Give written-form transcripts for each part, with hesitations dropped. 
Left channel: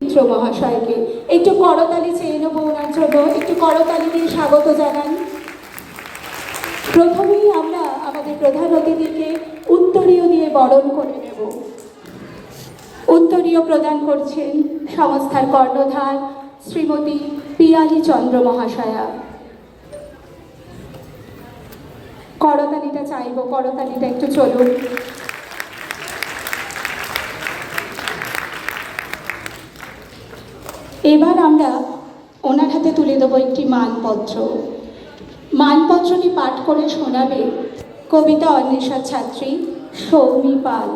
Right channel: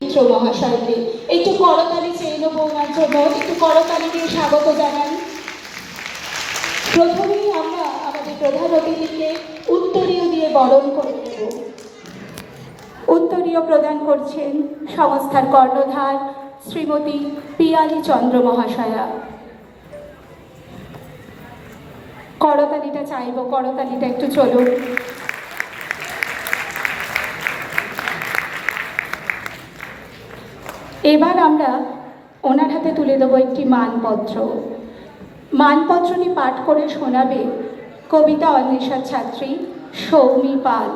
মিত্র মহাশয়কে একটু করতালি চেয়ে নেব, ওনার জন্য একটু করতালি দিয়ে স্বাগত জানাই। প্রথমেই আমরা আমাদের প্রধান অতিথিকে উত্তরীয় দিয়ে বরণ করে নেব। উত্তরীয় প্রদান করছেন সংস্থার কর্ণধার শ্রীমতী পিয়ালি চন্দ্র মহাশয়া। করতালিটা চাইব, করতালিটা একটু চলুন। এবার আমরা ওনার হাতে তুলে দেবো একটি মানপত্র। মানপত্রটি পাঠ করে শোনাবে কবিতা অন্বেষার ছাত্রী সৌমি পাল।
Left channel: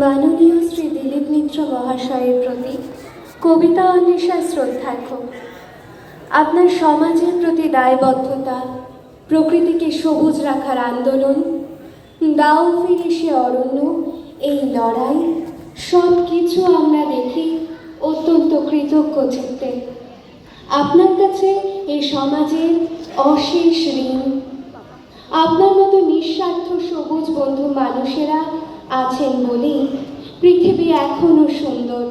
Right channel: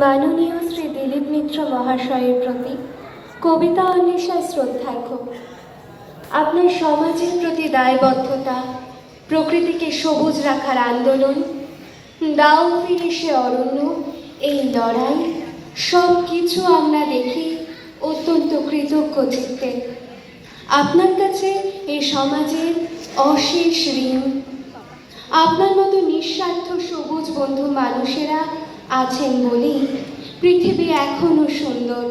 মাননীয় শ্রী দিলীপ মিত্র মহাশয়ের প্রতি কবিতা অন্বেষার শ্রদ্ধার্ঘ্য। আপনার সমাজের প্রতি দায়বদ্ধতা, প্রকৃতিকে সবুজ রাখার আন্দোলন, দাও ফিরে সে অরণ্য, এই লড়াই সব কিছু আমরা দেখি অত্যন্ত কৃতজ্ঞ চিত্তে। আপনার কাছে এই সমাজের অশেষ ঋণ। আপনার মতো নিঃস্বার্থ সবুজ বন্ধু মানুষেরা আছেন বলেই পৃথিবী এখনো সুন্দর।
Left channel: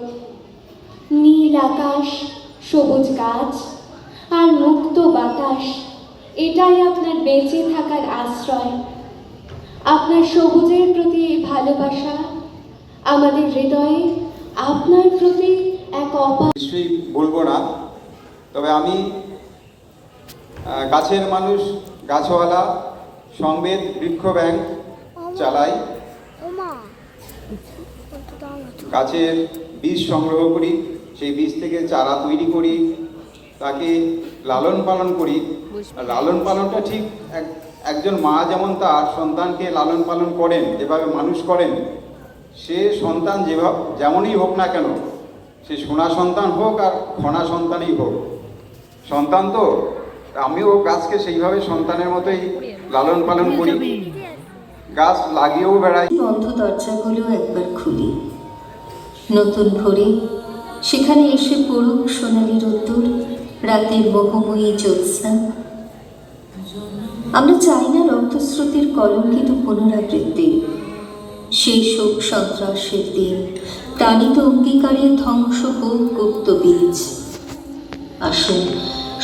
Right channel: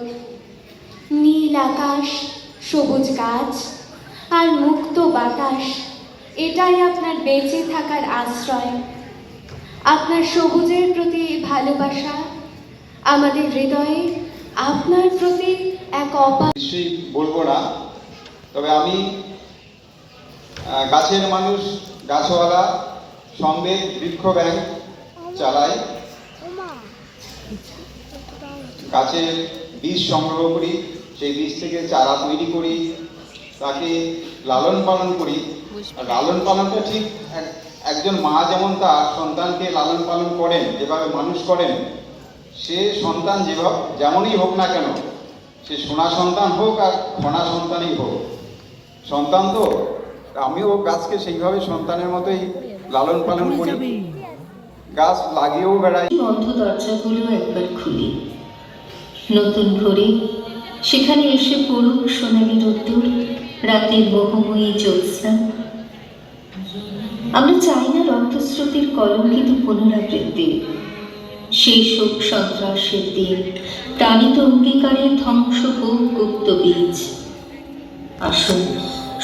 নীল আকাশ, সবুজ গাছ আর মুক্ত বাতাস, এটাই আপনার বেঁচে থাকার আশ্রয়। আপনার সবুজের প্রতি ভালোবাসা আমাদের হৃদয়ে আপনার প্রতি এক নিশ্চয়ই বলবো না, তবে আমি গাছের মানুষ, গাছওয়ালা সমবেত বৃক্ষ ব্যাংক চালাই। গাছের বীজ সংগ্রহ করি, সেই বীজ থেকে চারা তৈরি করি, তাকে লালন পালন করি। আর লালন পালনটা ঠিক একজন মা যেমন তার সন্তানকে লালন পালন করেন, যেভাবে মানুষ করেন, সে সন্তান যেমনই হোক না কেন, সে সোনা সন্তান হোক আর খনা সন্তানই হোক, সন্তান তো। আমিও গাছকে সেইভাবে সন্তানের মতোই লালন পালন করি, গাছ লাগিয়েও বেড়াই। বন্ধ দরজাগুলো একবার খুলি, নতুন ভোরে সেখানে এসে পড়ুক সোনালি রোদ্দুর, রাতের মোহময়ী জ্যোৎস্না। আমরা চাই না রক্তস্রোতের কলঙ্কিত পুনরাবৃত্তি, সেই শোক সন্ত্রাসের দিন, প্রাণিত অঙ্গীকারের ধ্বংস হোক গুপ্ত বীজ। আসুন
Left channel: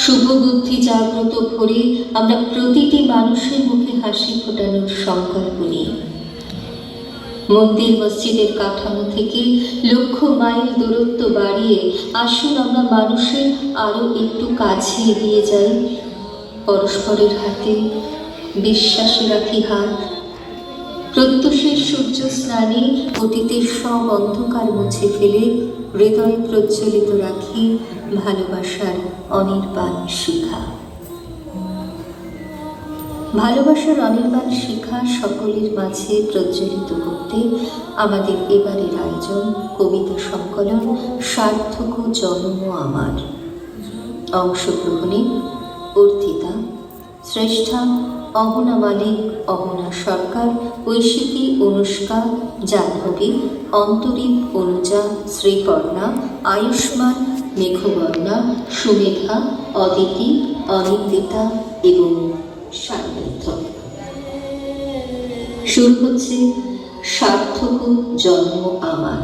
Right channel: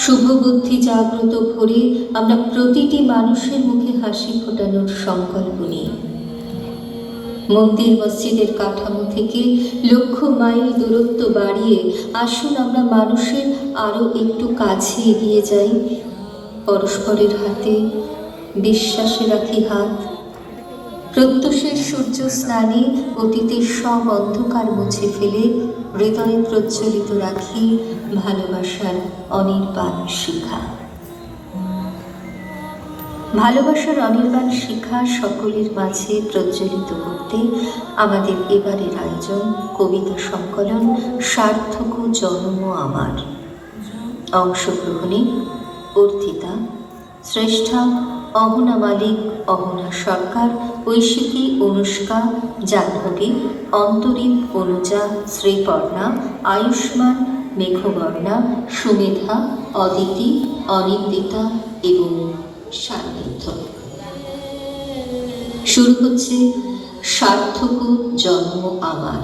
শুভ বুদ্ধি জাগ্রত ভরে আমরা প্রতিটি মানুষের মুখে হাসি ফোটানোর সংকল্প নিই। মন্দির মসজিদের কাঠামো থেকে লক্ষ মাইল দূরত্ব বাড়িয়ে আসুন আমরা মানুষের আরও একটু কাছে এগিয়ে যাই। পরস্পরের হাতে বিশ্বাসে রাখি হাত। প্রত্যুষের সূর্য স্নানে অতীতের সব অন্ধকার মুছে ফেলে হৃদয়ে প্রজ্বলিত রাখি ভালোবাসার অনির্বাণ শিখা। ভালোবাসার অনির্বাণ শিখা সকলের মাঝে প্রজ্বলিত করতে আমাদের এবারের আয়োজন কবিতা সংকলন সার্থক জন্ম আমার। অংশগ্রহণে অর্থিতা, শ্রেষ্ঠা অহনা মালিক, অহনা সরকার, ঐশিকী অনুষ্কা, জাহ্নবী, অন্তরীপ অনুজা, শ্রীকর্ণা, আয়ুষ্মান, মেঘবর্ণা, সুমেধা, অদিতি, অনিন্দিতা এবং সান্নিধ্য। শুরু হচ্ছে সার্থক জন্ম আমার।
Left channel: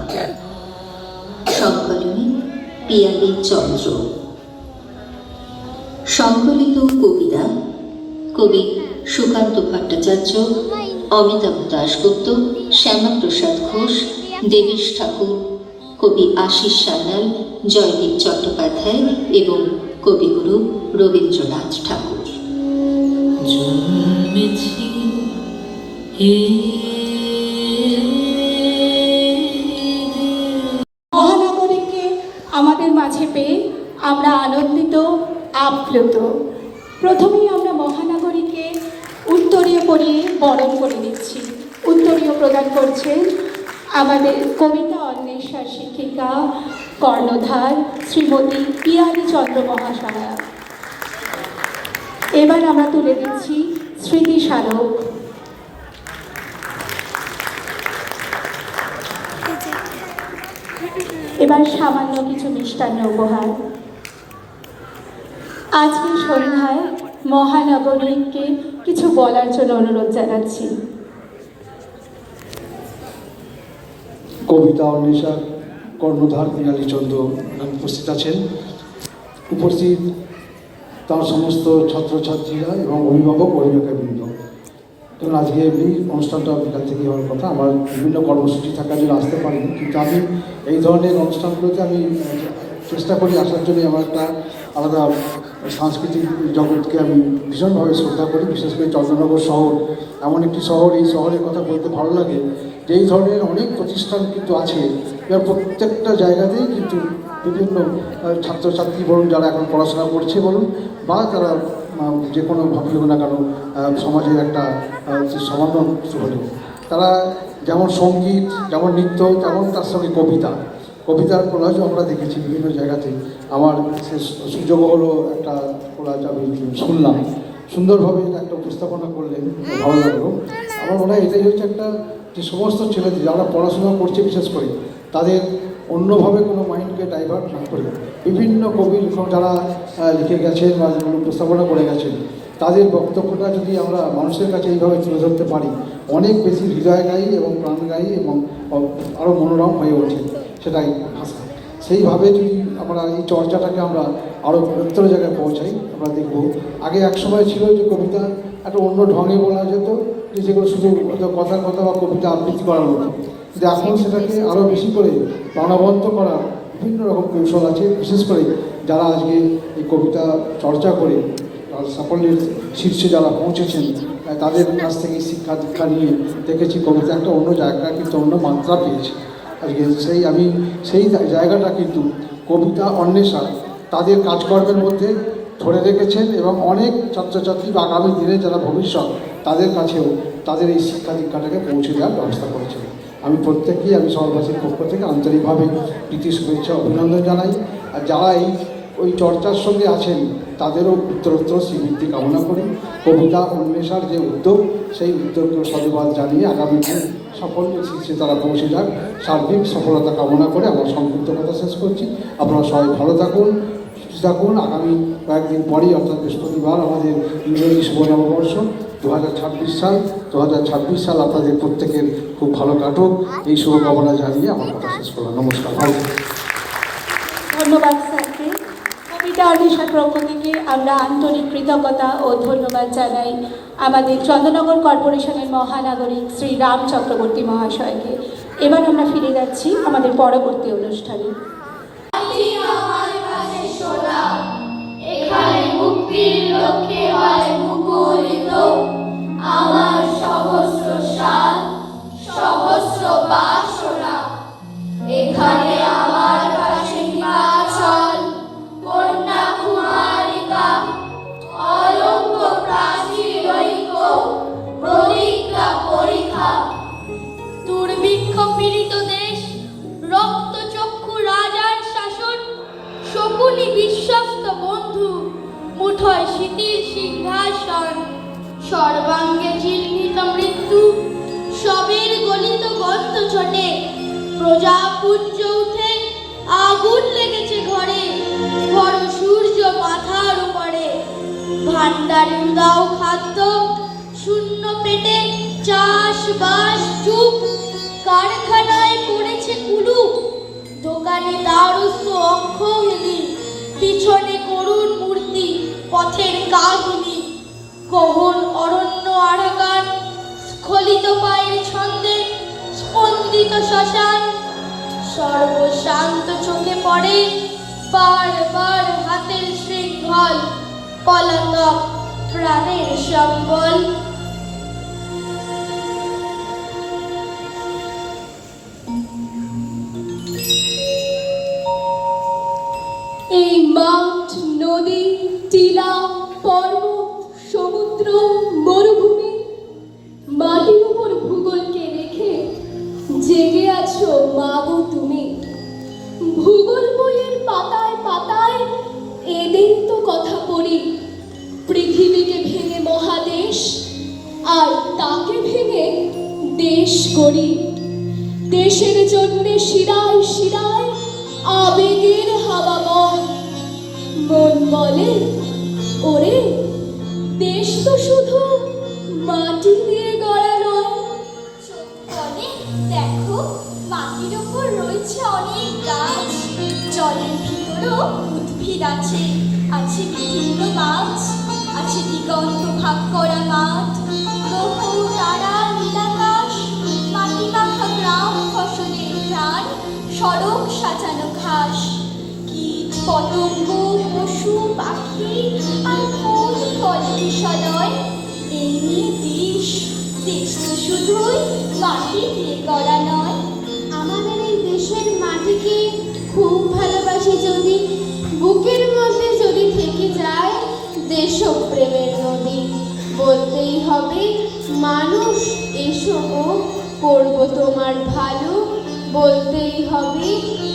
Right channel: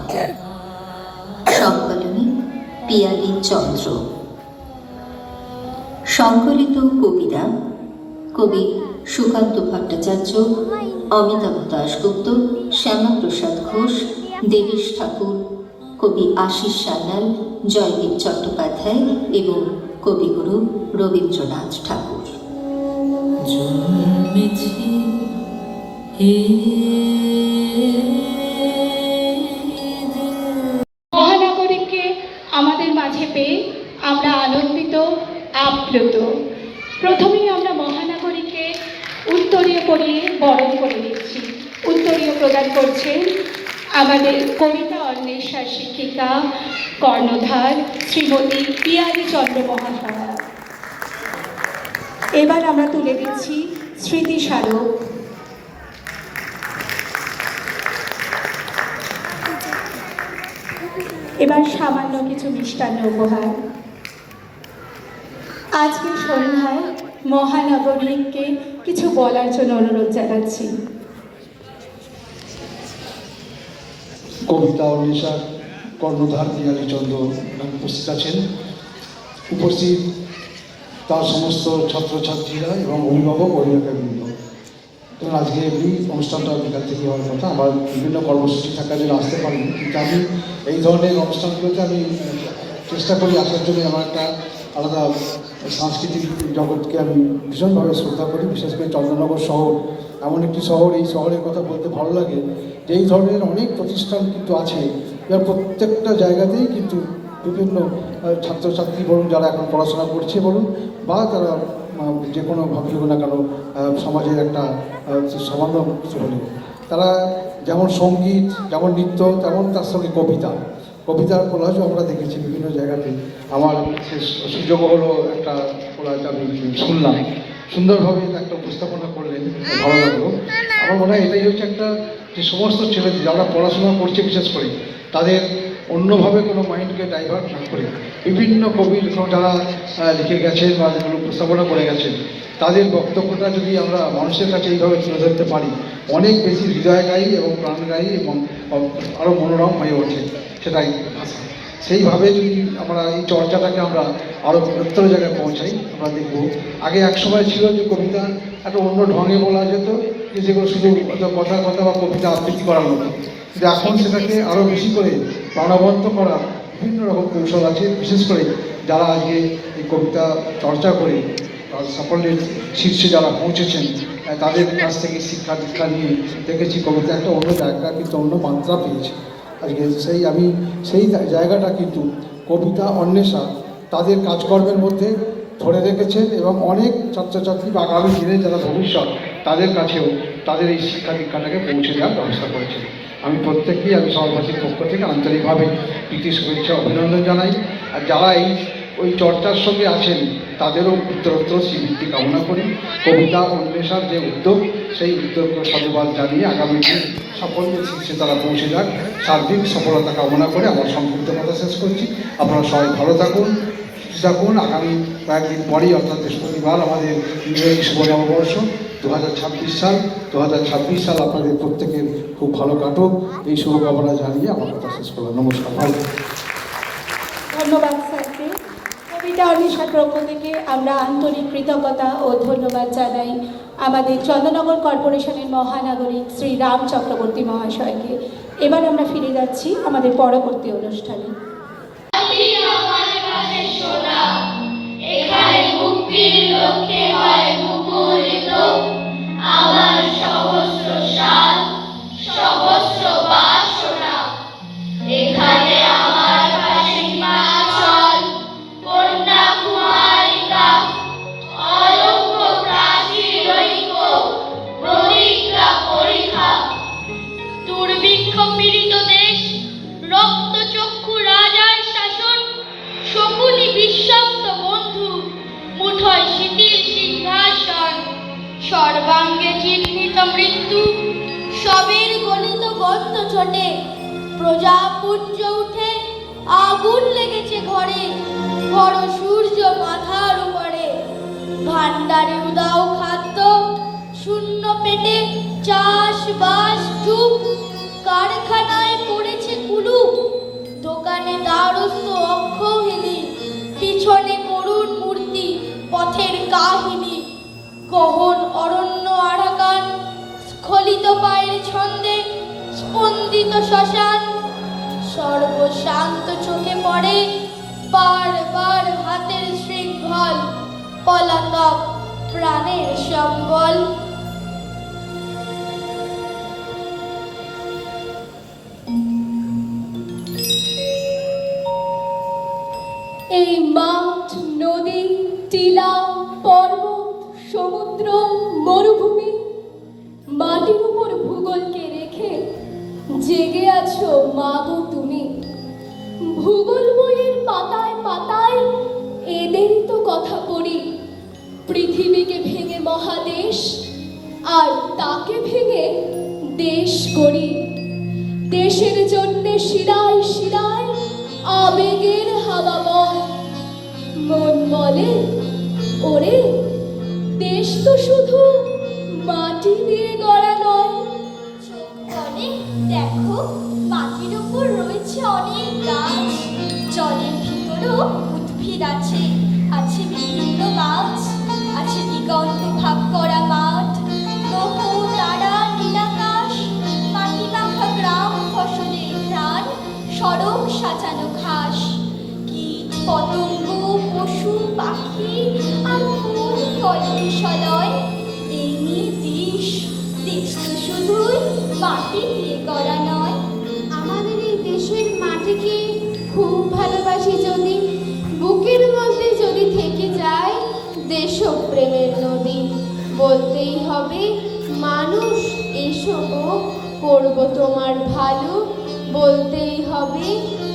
সংকলনে পিয়ালি চন্দ্র। সংকলিত কবিরা কবি সুকান্ত ভট্টাচার্য, অমিতাভ দাশগুপ্ত, শ্যামাপ্রসাদ ঘোষ, দেবেশ ঠাকুর, কবি আশিস সান্যাল, জয়দীপ চট্টোপাধ্যায় এবং কবিগুরু রবীন্দ্রনাথ ঠাকুর। মহানগরীকে আমাদের মাঝে পেয়ে আমরা আনন্দিত, আপ্লুত। প্রথমেই আমরা মহানগরীকে উত্তরীয় পরিয়ে বরণ করে দিচ্ছি। উত্তরীয় প্রদান করছেন আমাদের কবিতা অন্বেষার শিক্ষিকা, কর্ণধার শ্রীমতী পিয়ালি চন্দ্র মহাশয়া। এবার আমরা তুলে দিচ্ছি স্মৃতি স্মারক। এবার সামান্য কিছু মিষ্টান্ন উপহার। আজকের সন্ধ্যায় মহানগরীকে কিছু বলার জন্য অনুরোধ জানাচ্ছি। কবিতা অন্বেষার কর্ণধার মৃণালীচন্দ্র উপস্থিত আছেন। উপস্থিত তার সমস্ত ছাত্রছাত্রীরা এবং অভিভাবক অভিভাবকবৃন্দ। কারণ আজকে এমনি অনুষ্ঠানটা বিকাল থেকে হওয়ার কথা, আমার বিভিন্ন কর্মসূচি থাকার জন্য আসতে পারিনি, কিন্তু আমি এই ধরনের অনুষ্ঠানগুলোতে আমি চেষ্টা করি আসার জন্য। আমার একটা আলাদা সাংস্কৃতিক জগৎকে আমি ভীষণভাবে শ্রদ্ধা করি। বিশেষ করে চন্দ্রনগর শহর এমন একটি শহর, এই শহরের কথা বলতে ভালো লাগে যে এই ধরনের অনেক প্রতিষ্ঠান কিন্তু আছে, এর প্রত্যেকটা জায়গাতেই কিন্তু বিভিন্ন ছাত্রছাত্রী বলুন, যারা এখন পড়াশোনা করছে বলুন, বা যারা যে কোনো ভাবে না কেন সমাজের একটা সামান্য হলেও তারা যেমন সঙ্গীত, যেমন নৃত্য, তেমন তার সঙ্গে কবিতার কোলাজও আমরা দেখেছি বিভিন্ন জায়গাতে। আমার সুযোগ হলো একটা কোলাজ আমি শুনলাম, সুন্দরভাবে একটা উপস্থাপনা করলেন, ভালো লাগলো। আমার মনে হয় এটাই হচ্ছে একটা, যে সমস্ত ছেলেদের যারা পড়াশোনা করছে বিশেষ করে তাদের অন্যভাবে কোনো মাইন্ডকে ডাইভার্ট না করে বিভিন্ন কবি যারা লিখে গেছেন বা যেগুলো উপস্থাপনা করে গেছেন, তাদের বক্তব্যটা যদি আমরা মানুষের কাছে এইভাবে তুলে ধরতে পারি, অনেক বেশি হৃদয়গায়ী এবং প্রাণগায়ী এবং আরও মনোরম হয়ে ওঠে সেটাই ভাষা। সেইভাবে যদি আমরা এই চর্চাটাকে আমরা আরও বৃহত্তর জায়গায় পৌঁছাই, আমরা দেখব আগে এক সময় ছিল যে কবিতা একটা অন্য ঢঙে বলা যেত, যে যেগুলো শুধু কথা বা কবিতা আবৃত্তি করার মতো, কিন্তু এখন সেটাকে আরও বেশি করে প্রাণবন্ত করার বিভিন্ন রকম কৌশল আছে। বিশেষ করে যারা আজকে এই কবিতা চর্চা করে সাফল্যের শীর্ষে যারা পৌঁছেছেন, তাদের কাছ থেকে শিক্ষা দীক্ষা নিয়ে দেখেছি কবিতা একটা অন্য জায়গা, কিন্তু অন্য মাত্রা পেয়েছে আজকে। সেই জায়গাটা কিন্তু কবিতা অন্বেষা তাদের কাজকর্মের মধ্যে ধরে রেখেছেন, এবং অনেক ছাত্রছাত্রী বা আগামী দিনে যারা ভবিষ্যৎ তাদের কাছেও তাদের এই শিক্ষা দীক্ষাটাকে পৌঁছে দেওয়ার ব্যবস্থা করেছেন। আমি প্রত্যেককেই আমি শহরবাসীর পক্ষ থেকে আন্তরিকভাবে প্রীতি শুভেচ্ছা অভিনন্দন জানাই। আর যারা ওই চর্চার সঙ্গে আছেন তাদেরও উত্তরোত্তর শ্রীবৃদ্ধি কামনা করি। কবিতা অন্বেষার যে উদ্যোগ, সেই উদ্যোগকে সাধুবাদ জানিয়ে আগামী দিন সাফল্যের শীর্ষে তারা পৌঁছে যাক, সার্বিক সফলতা কামনা করে আমার সংক্ষিপ্ত কথা শেষ করছি। আপনারা সবাই ভালো থাকুন, সুস্থ থাকুন। আগামী কয়েকদিন পরেই অর্থাৎ বৃহস্পতিবার আমাদের ইংরেজি শুভ নববর্ষ 2026 সাল। 2026 সাল আপনাদের প্রত্যেকের খুব ভালো কাটুক, এই শুভকামনা জানিয়ে আমার কথা শেষ করলাম। নমস্কার, ভালো। ধন্যবাদ স্যারকে। কবিতা অন্বেষার পক্ষ থেকে আমরা আন্তরিক কৃতজ্ঞতা ও ধন্যবাদ জানাই আমাদের চন্দ্রনগর কর্পোরেশনের মহানাগরিক শ্রী রাম চক্রবর্তী মহাশয়কে। এবার আমরা ফিরে যাচ্ছি আমাদের পরবর্তী অনুষ্ঠানে। এখানে মুক্তির লক্ষ্যে হয় মুখরিত আমার সহস্র সাল, সহস্র বাসনা। এখানে আমার পাশে হিমাচল, কন্যাকুমারিকা, অলঙ্ক প্রাচীর ঐক্য, প্রতিজ্ঞা পরীক্ষা। দুর্ভিক্ষ পীড়িত দেশ, রক্তচক্ষু রাজার শাসন, শকুনি বিশ্বস্ত বন্ধু, মুঠোয় শিথিল সিংহাসন। সর্বাঙ্গে চিহ্নিত মৃত্যু, সবের গলিত গর্ত চটে। প্রজাপুঞ্জ উঠে আগুন লেগেছে ঘরে, বড় সূর্য মাথার উপরে। ভান্ডারে উদাও খাদ্য, শূন্য পেটে চাষবাস চুপ। কারখানায় পড়েছে কুলুপ, দোকানে দ্বারস্থ অক্ষহেলি। পিছনে করুণ মূর্তি, পথের কাহিনী। গহন অরণ্য আরাকান, স্খলিত পায়ের ছন্দে স্পন্দিত শ্মশান। সর্বশান্ত চোখে পড়ে বারবার হাতের শৃঙ্খল, পলাতক প্রাণের সম্বল। এই মাঠ, নদী, টিলা, পর্বত, সমুদ্র, মরুভূমি, মাটির উপর ভূগোলকে রেখে জেগে আছো মাগো তুমি। ভূগোল বইয়ের পাতায় পাতায় এদের তো কথা পড়ি। পৃথিবীকে ভেঙে মহাদেশ, আর তাকে ভেঙে দেশ গড়ি। দেশের জন্যে শিরায় শিরায় আবেগের হাওয়া বয়। মন বলে ওরে তো শুধু মাটি দিয়ে গড়া নয়, চোখ বলে দেখো মাটির ওপর রয়েছে অনেক গাছ, জলের ভিতরেও উদ্ভিদ আছে, আছে বিভিন্ন মাছ, আছে দিগন্ত ভাগ করা মাঠ, গ্রহ তারা নীলাকাশ, মাটি মাখা গ্রাম ফসলের ঘ্রাণ, সড়ক সাজানো ঘাস, কীট পতঙ্গ পশু পাখি আর ফুল ফল বিষয়, এই নিয়ে দেশ তো শুধুই মাটি দিয়ে গড়া নয়। আমাদের এই দেশের মাটিকে খুব ভালোবাসি যদি, বুকের মধ্যে যদি থেকে যায় দেশপ্রেমের নদী, বলতেই হবে মানুষ এসো গো করবো তোমার ভালো, বলতেই হবে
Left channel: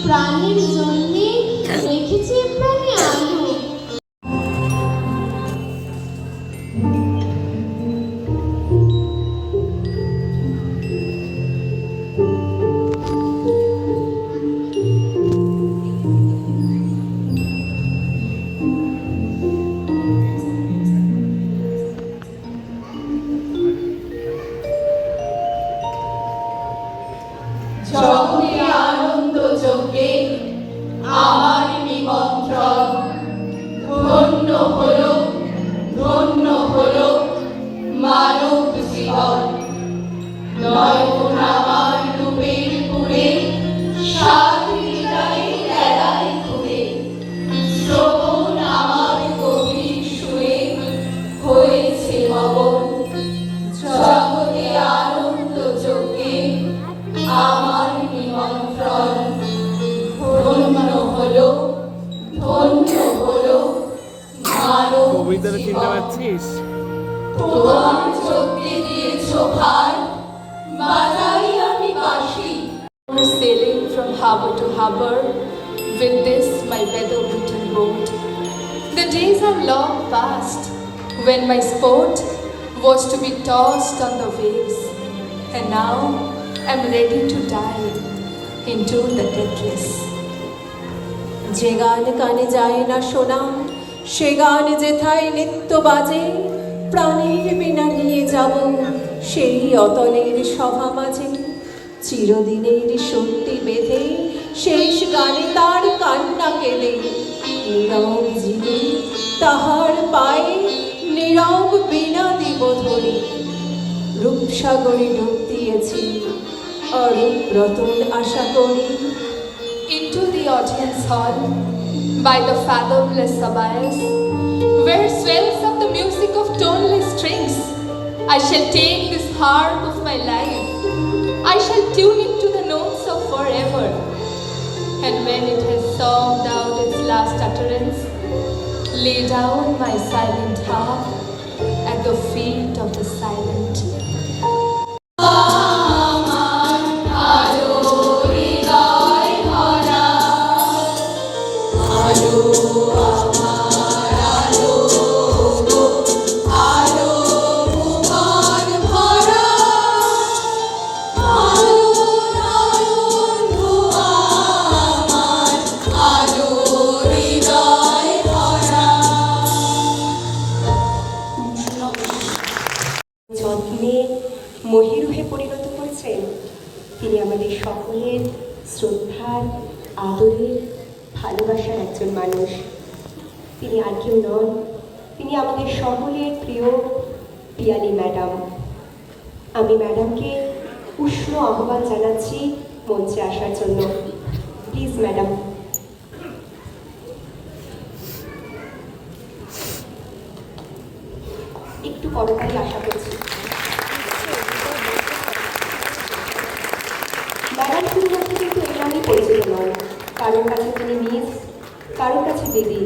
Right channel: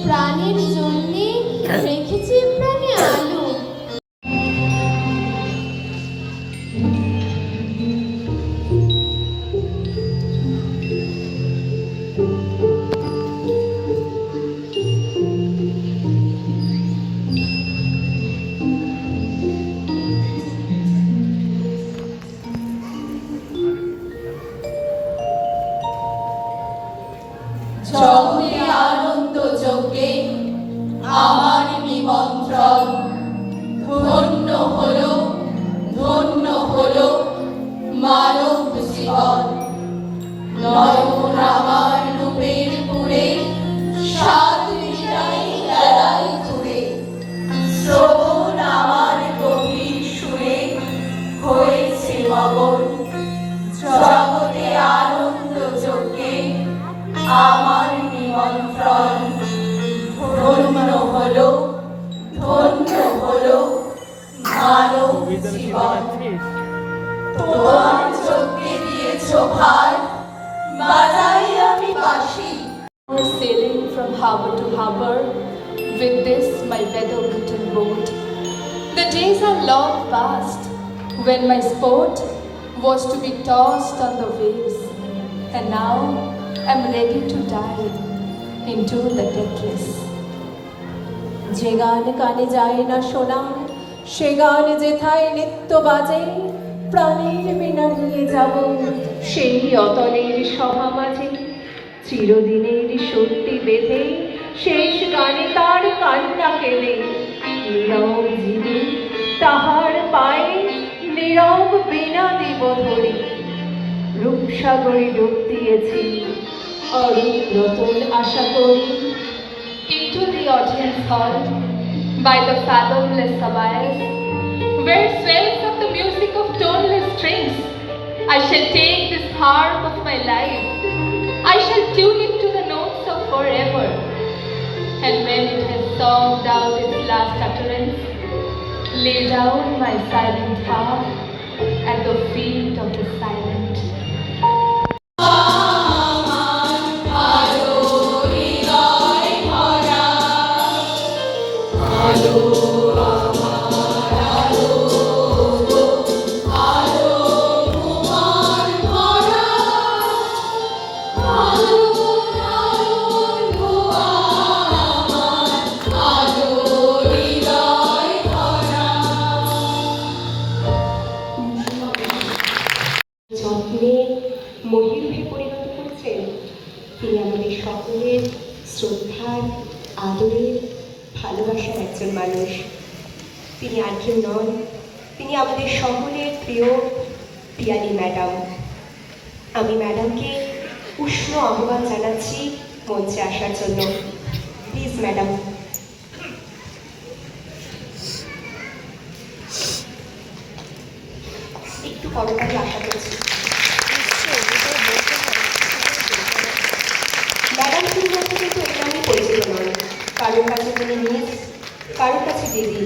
প্রাণের জন্যে রেখেছি প্রাণে আলো। জগতে আনন্দ যজ্ঞে আমার নিমন্ত্রণ, ধন্য হলো মানব জীবন। নয়ন আমার রূপের পুরে, সাত হৃদয়ে এড়াই ঘুরে, শ্রবণ আমার গভীর সুরে হয়েছে মগন। জগতে আনন্দ যজ্ঞে আমার নিমন্ত্রণ, ধন্য হলো মানব জীবন। তোমার চোখে দিয়েছ ভার, বাজাই আমি বাঁশি। Sailing from harbor to harbor with this my weather-beaten boat. The days are long past when my sport was to be tossed on the waves, and now I'm ready to dive into the deathless. যে গান কানে যায় না শোনা, সে গান যেথায় নিত্য বাজে, প্রাণের বিনা নিয়ে যাব সেই অতলের সভা মাঝে। চিরদিনের সত্যি বেঁধে শেষ গানে তার কান্না কেঁদে, নীরব জীবে তাহার পায়ে নীরব বিনা দিব ধরে। রূপসাগরে ডুব দিয়েছি অরূপ রতন আশা করি। Into the audience hall by the fathomless abyss, where swells up the music of toneless strings, I shall take this harp of my life, I shall tune it to the notes of forever, and when it has songed out its last utterance, lay down my silent harp at the feet of the silent. যত্নে মহিরুহে পরিণত করেছেন। তিনি আমাদের সকলের শ্রদ্ধার, আদরের, ভালোবাসার একজন মানুষ। তিনি আর কেউ নন, তিনি আমাদের সকলের প্রিয় পিয়ালি ম্যাডাম। আমি ম্যাডামকে উষ্ণ আহ্বান জানাচ্ছি মঞ্চে আসার জন্য। Please madam. একটু করতালি আশা করছি। ম্যাডাম শুধুমাত্র কিন্তু এই নামে পরিচিত নন। কারোর কাছে তিনি মিস, কারোর কাছে দিদি,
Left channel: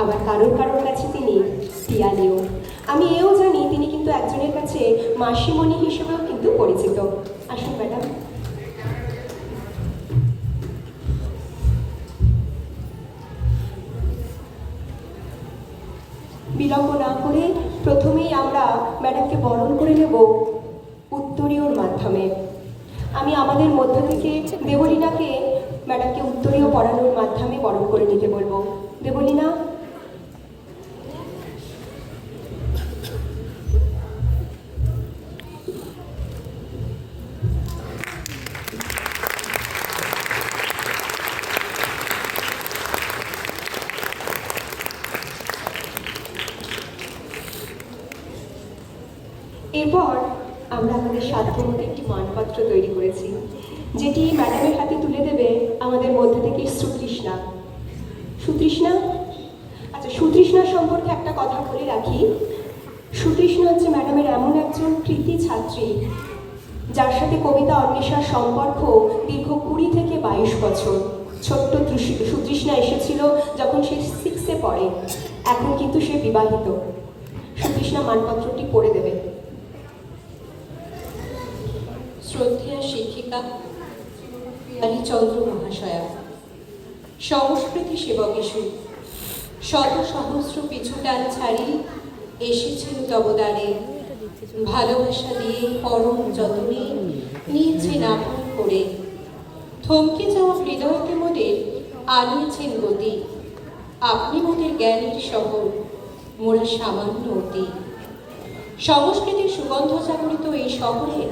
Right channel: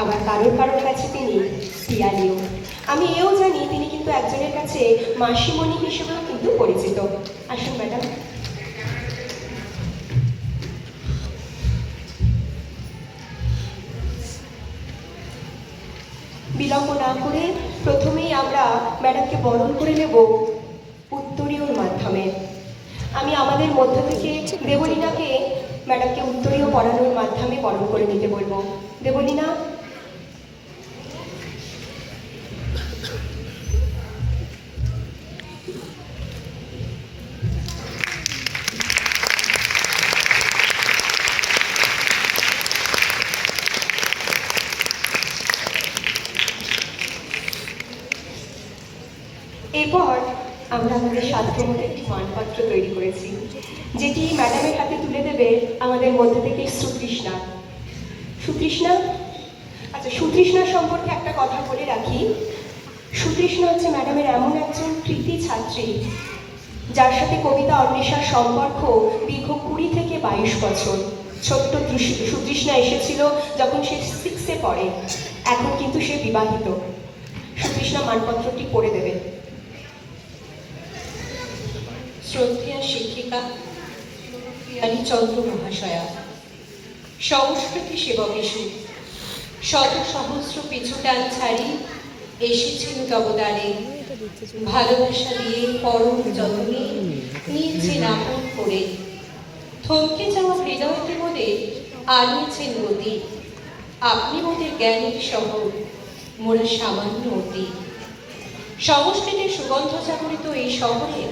আবার কারোর কাছে তিনি পিয়ালিও। আমি এও জানি তিনি কিন্তু একজনের কাছে মাসিমণি হিসেবেও কিন্তু পরিচিত। আসুন ম্যাডাম। বিলম্ব না করে প্রথমেই আমরা ম্যাডামকে বরণ করে নেব উত্তরীয়র মাধ্যমে। আমি আমাদের মধ্য থেকে দেবলীনাকে ম্যাডামকে উত্তরীয় পড়ানোর মাধ্যমে বরণ করে নিতে বলবো। দেবলীনা। এরপর আমরা আমাদের সাধ্যমতো একটি মানপত্র তৈরি করেছি, যেটি ম্যাডামের হাতে তুলে দেবে আমাদের মধ্যে থেকে সুতৃষ্ণা। সুতৃষ্ণা, আচ্ছা, সুতৃষ্ণা সম্পর্কে একটা কথা বলে রাখি। সুতৃষ্ণা হচ্ছে ম্যাডামের এমন একজন কৃতি ছাত্রী যার সাথে কবিতা অন্বেষার সম্পর্ক দীর্ঘ 20 থেকে 22 বছর। ছোট্ট সুতৃষ্ণা এসেছিল যখন সে 6-এ পড়ে, এখন কিন্তু সে বিবাহিত। সুতৃষ্ণা মানপত্রটি পড়ে দেবে। শ্রদ্ধেয় শিক্ষিকা পিয়ালী চন্দ্র মহাশয়া, সংস্কৃতি সেবক ইস্যু শত সহস্র পিছু টান ছাড়ি এসেছিল তবদারে, ভালোবাসা দিয়ে পরম যত্নে নিয়েছেন আপন করে, থমকে যাওয়া হৃদয়কে মনে আনিয়েছেন গতি, আপনি মোদের জ্ঞানের শহর, মোরা সামান্য অতি। সংস্কৃতির সুগন্ধ জাগরিত এই শহরে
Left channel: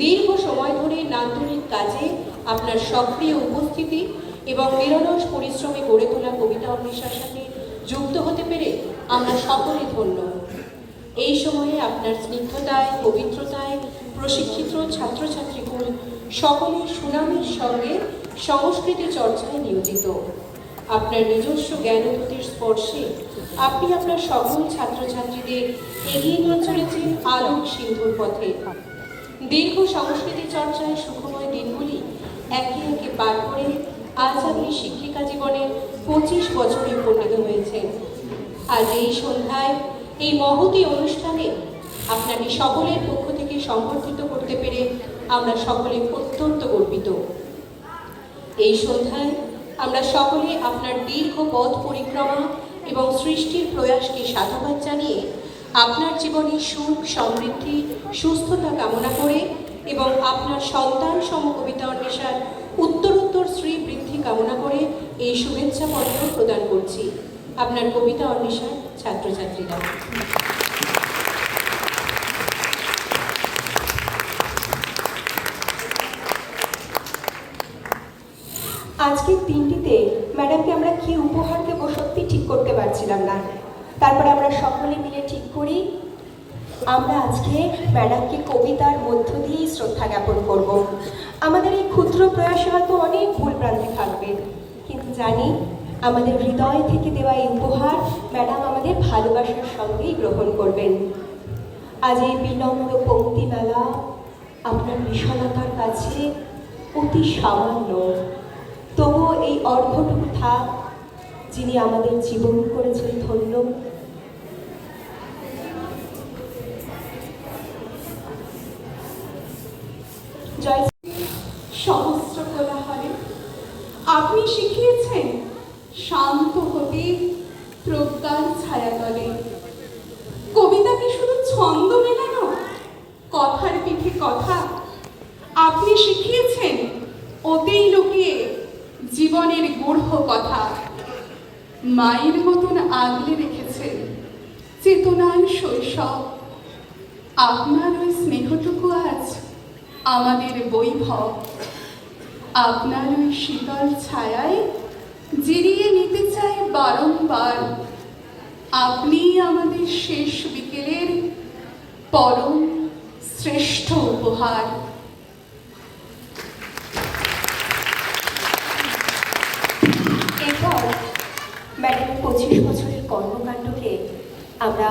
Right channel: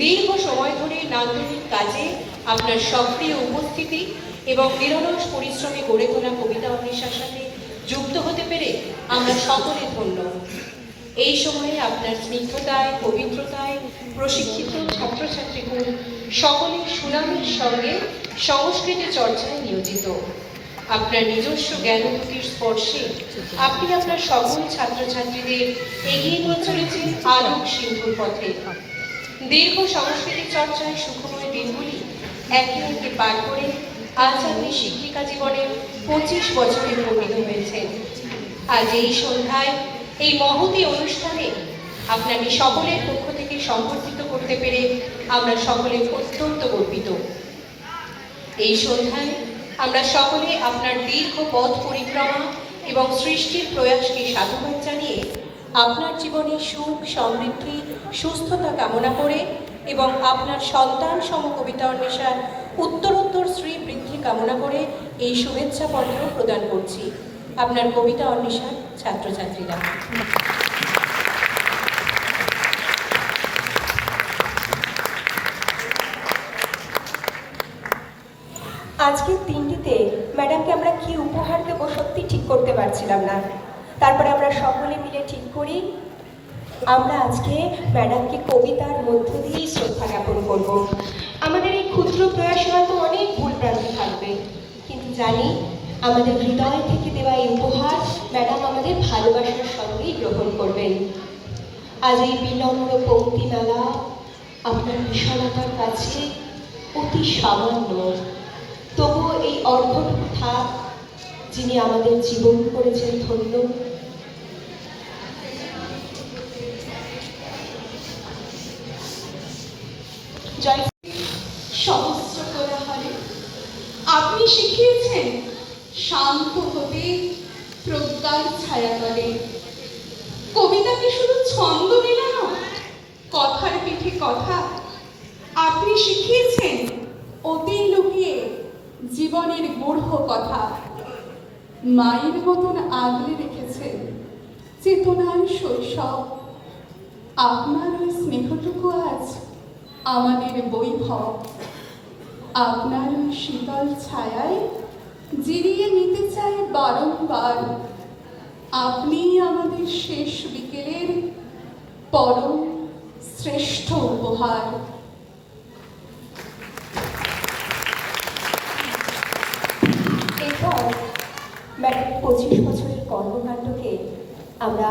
দীর্ঘ সময় ধরে নান্দনিক কাজে আপনার সক্রিয় উপস্থিতি এবং নিরলস পরিশ্রমে গড়ে তোলা কবিতা অন্বেষার সাথে যুক্ত হতে পেরে আমরা সকলে ধন্য। এই সময়ে আপনার স্নিগ্ধতায়, পবিত্রতায় প্রশিক্ষিত ছাত্রছাত্রীকুল সকলে সুনামের সঙ্গে সংস্কৃতি চর্চায় নিয়োজিত। আপনার নিজস্ব জ্ঞানগতির স্পর্শে আপনি আপনার সকল ছাত্রছাত্রীদের এগিয়ে নিয়ে চলেছেন আলোক সিন্ধুর পথে। দীর্ঘ সংস্কৃতি চর্চায় সুখময় দিনগুলি একে একে পার করে আজ আপনি শিক্ষিকা জীবনে 25 বছরে পরিণত হয়েছেন। আজ এই সন্ধ্যায় এই মহতী অনুষ্ঠানে আপনাকে সকলের পক্ষ থেকে সম্পর্কিত করতে পেরে আমরা সকলে অত্যন্ত গর্বিত। এই সন্ধ্যায় আমরা সকলে আপনার দীর্ঘ পথ পরিক্রমা এবং সৃষ্টির প্রয়াসকে সাধুবাদ জানিয়ে আপনার জীবনে সুখ, সমৃদ্ধি, সুস্থতা কামনা করে এবং আপনার সন্তান সম কবিতা অন্বেষার উত্তরোত্তর শ্রী বৃদ্ধি কামনা করে এই শুভেচ্ছা পত্র প্রদান করছি। আপনার কবিতা অন্বেষার ছাত্রছাত্রীরা। আজকের দিনটিতে ম্যাডামকে আমরা কি উপহার দেবো সত্যি ঠিক করতে পারছিলাম না। তারপর আমরা সকলে মিলে ঠিক করি আমরা আজকে ম্যাডামকে কবিতার মধ্য দিয়েই শ্রদ্ধা জ্ঞাপন করব। আমাদের এই ক্ষুদ্র প্রয়াসে হয়তো অনেক ভুলভ্রান্তি থাকবে, কিন্তু জানি আমাদের হৃদয় থেকে দেওয়া এই উপহার ম্যাডাম আমাদের ভালোবাসার সঙ্গেই গ্রহণ করবেন। আজ এই বিনম্র পঙ্ক্তিমালা আপনার বিশালতার কাছে অতি সামান্য, তবুও এই অর্ধটুকু থাক যিনি আমাদের জীবন করেছেন ধন্য। জয় সহস্র কোলাহলে আপনি শিখিয়েছেন শান্ত হতে প্রজ্ঞার ছায়াতলে। কবিতাকে শুধু ছন্দ মেলানো, কথার পিঠে কথা। আপনি শিখিয়েছেন অতেই লুকিয়ে জীবনের গূঢ় কথা। মায়ের মতন আগলে রেখেছেন চেতনার শৈশব। আপনার ওই স্নেহটুকু আজ আমাদের বৈভব। আপনার ওই শীতল ছায়ায় জিরিয়ে নিতে চাই বারংবার। আপনি আমাদের শেষ বিকেলের পরম শ্রেষ্ঠ উপহার। এরপর ম্যাডামের 25 বছরের কর্মকাণ্ডকে আমরা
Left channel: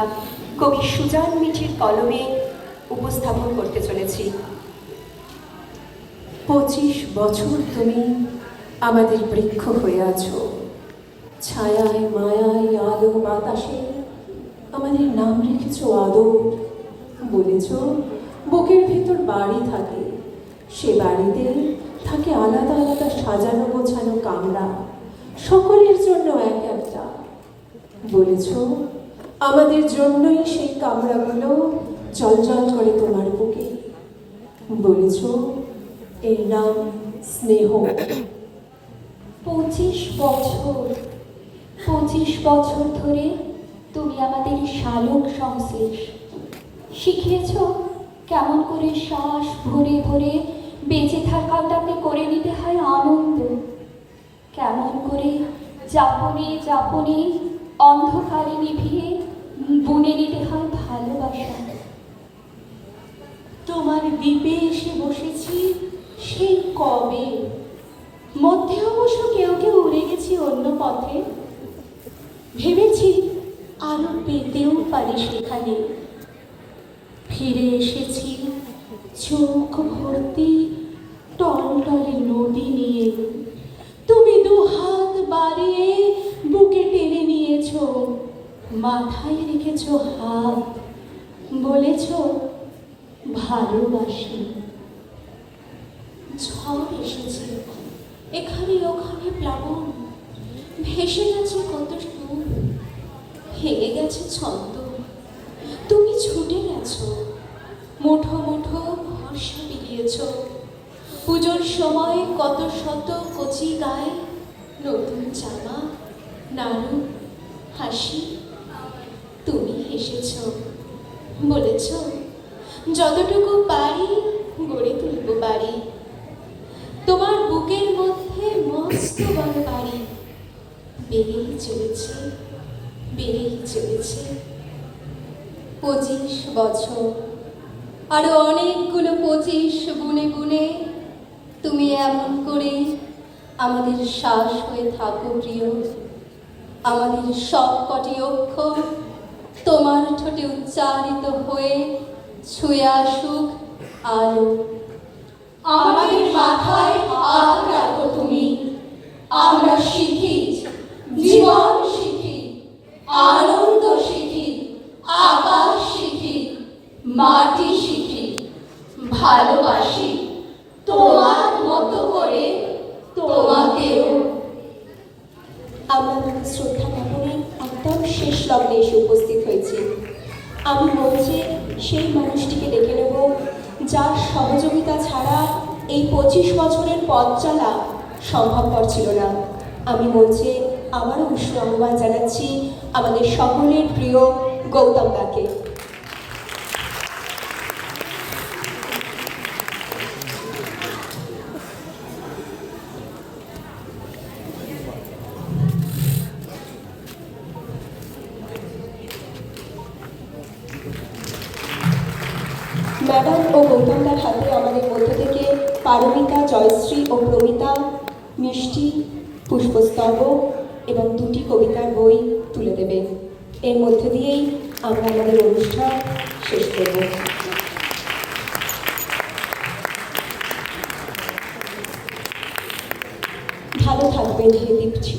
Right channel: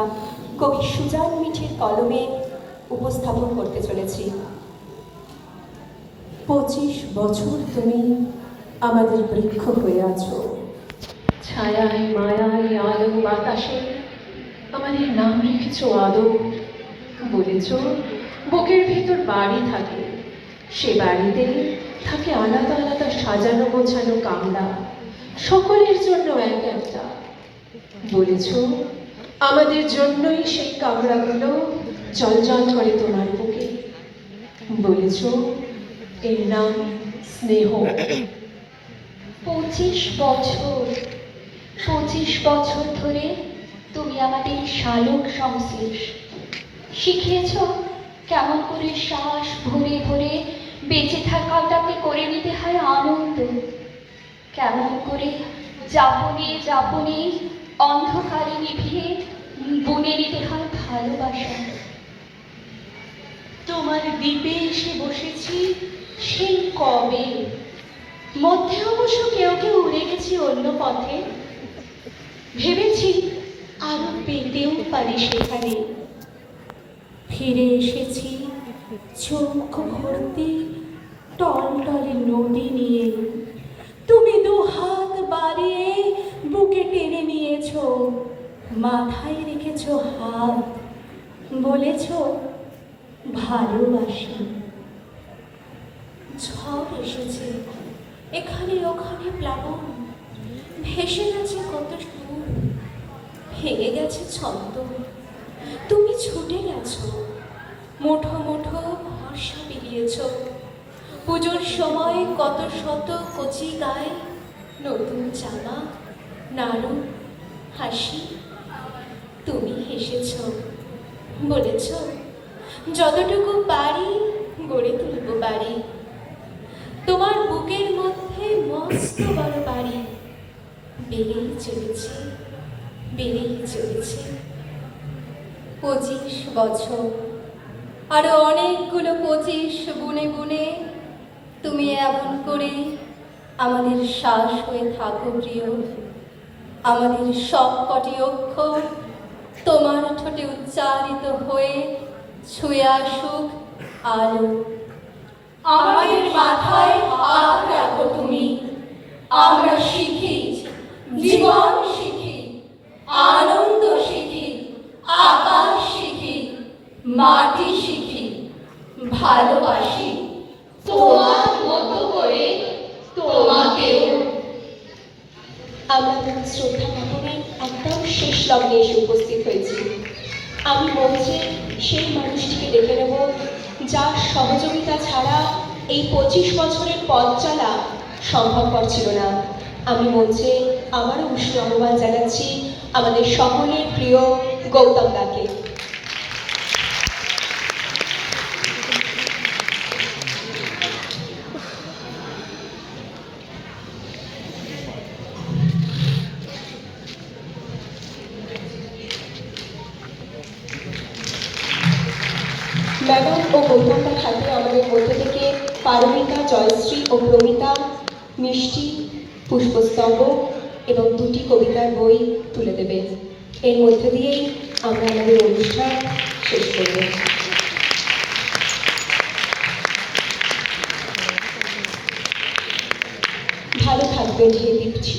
কবি সুজান মিঠির কলমে উপস্থাপন করতে চলেছি। 25 বছর তুমি আমাদের বৃক্ষ হয়ে আছো, ছায়ায় মায়ায় আলো বাতাসে আমাদের নাম রেখেছো আদর। বলেছ বুকের ভেতর বাড়ি থাকে, সে বাড়িতে থাকে আলাদা আলাদা সাজানো গোছানো কামরা, সকলের জন্য এক একটা। বলেছ আমাদের জন্যই সেই কামরাগুলো জলজল করে তোমার বুকে। বলেছ এর নাম স্নেহ। 25 বছর 25 বছর ধরে তুমি আমাদের শালক সংশ্লেষ শিখিয়েছ কেমন করে শ্বাস ভরে ভরে বেঁচে থাকাটাকে করে নিতে হয় আনন্দ, কেমন করে যাপনে যাপনে অন্ধকারে নিভিয়ে বুনে নিতে হয় ভালোবাসা। তোমার দ্বীপে এসে বসেছি সেই কবে। মধ্যে অবশ্য কেউ কেউ উড়ে গেছি অন্য পথে, ভেবেছি আরো পেতেও পারি সেখানে। ফিরে এসেছি চোখ ভর্তি টলটলে নদী নিয়ে, তুমি দু হাত বাড়িয়ে বুকে টেনে নিয়েছ, মাথায় রেখেছ হাত, বলেছ ভালোবাসি। ঝড় এসেছে এখানে ওখানে প্লাবন, ভেসে গেছে কত সুর, ভেঙে গেছে ছন্দ, তুমি ছুটে গেছো, মুঠো মুঠো ভরসা বিলিয়েছ। পুজোর সময় কত শত কচি গায়ে নতুন জামা, নাড়ু, হাসি, তুমি হেসেছ, বলেছ যতটুকু পারি গড়ে তুলব বাড়ি। তোমার বুকের মধ্যে মস্ত বড় বাড়ি, বেড়েই চলেছে বেড়েই চলেছে। 25 বছর, আরো অনেকগুলো 25 গুনে গুনে তুমি এমন করে আমাদের শ্বাস হয়ে থাকো প্রিয়। আমাদের সব কটি অক্ষর তোমার ঠোঁটে উচ্চারিত হয়ে ছুঁয়ে আসুক আলো। আমাদের মাথায় হাত রাখো তুমি, আমরা শিখি জীবন, শিখি আনন্দ, শিখি আকাশ, শিখি মাটি, শিখি ভালোবাসি তোমার মতো করে তোমাকেও। আমরা আমাদের শ্রদ্ধা জ্ঞাপনে একদম শেষ লগ্নে এসে উপস্থিত হয়েছি। আমি মঞ্চে সেই মানুষটিকে ডেকে নেব যার সহযোগিতা ছাড়া এই 25 বছরের পথ চলা সম্ভবপর ছিল না। আমি মঞ্চে আবারও উষ্ণ আহ্বান জানাচ্ছি আমাদের সকলের প্রিয় গৌতম দাকে। ম্যাডাম ও গৌতমদার হাতে আমাদের মধ্য থেকে পারমিতা, জয়শ্রী ও প্রমিতা মিষ্টি, পুষ্পস্তম্ভ এবং 2টি কবিতার বই তুলে দেবেন। এর মধ্যে দিয়েই আমরা আমাদের অনুষ্ঠান শেষ করব। ভালো থাকবেন হে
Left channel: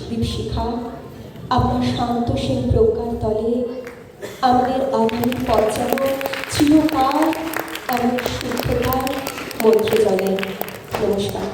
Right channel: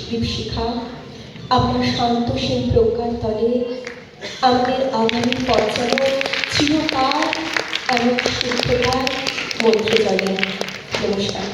দীপশিখা, আপনার শান্ত সেই প্রজ্ঞার তলে আমাদের আগামী পথ যেন চিরকাল এমন শুদ্ধতার মধ্যে চলে। নমস্কার।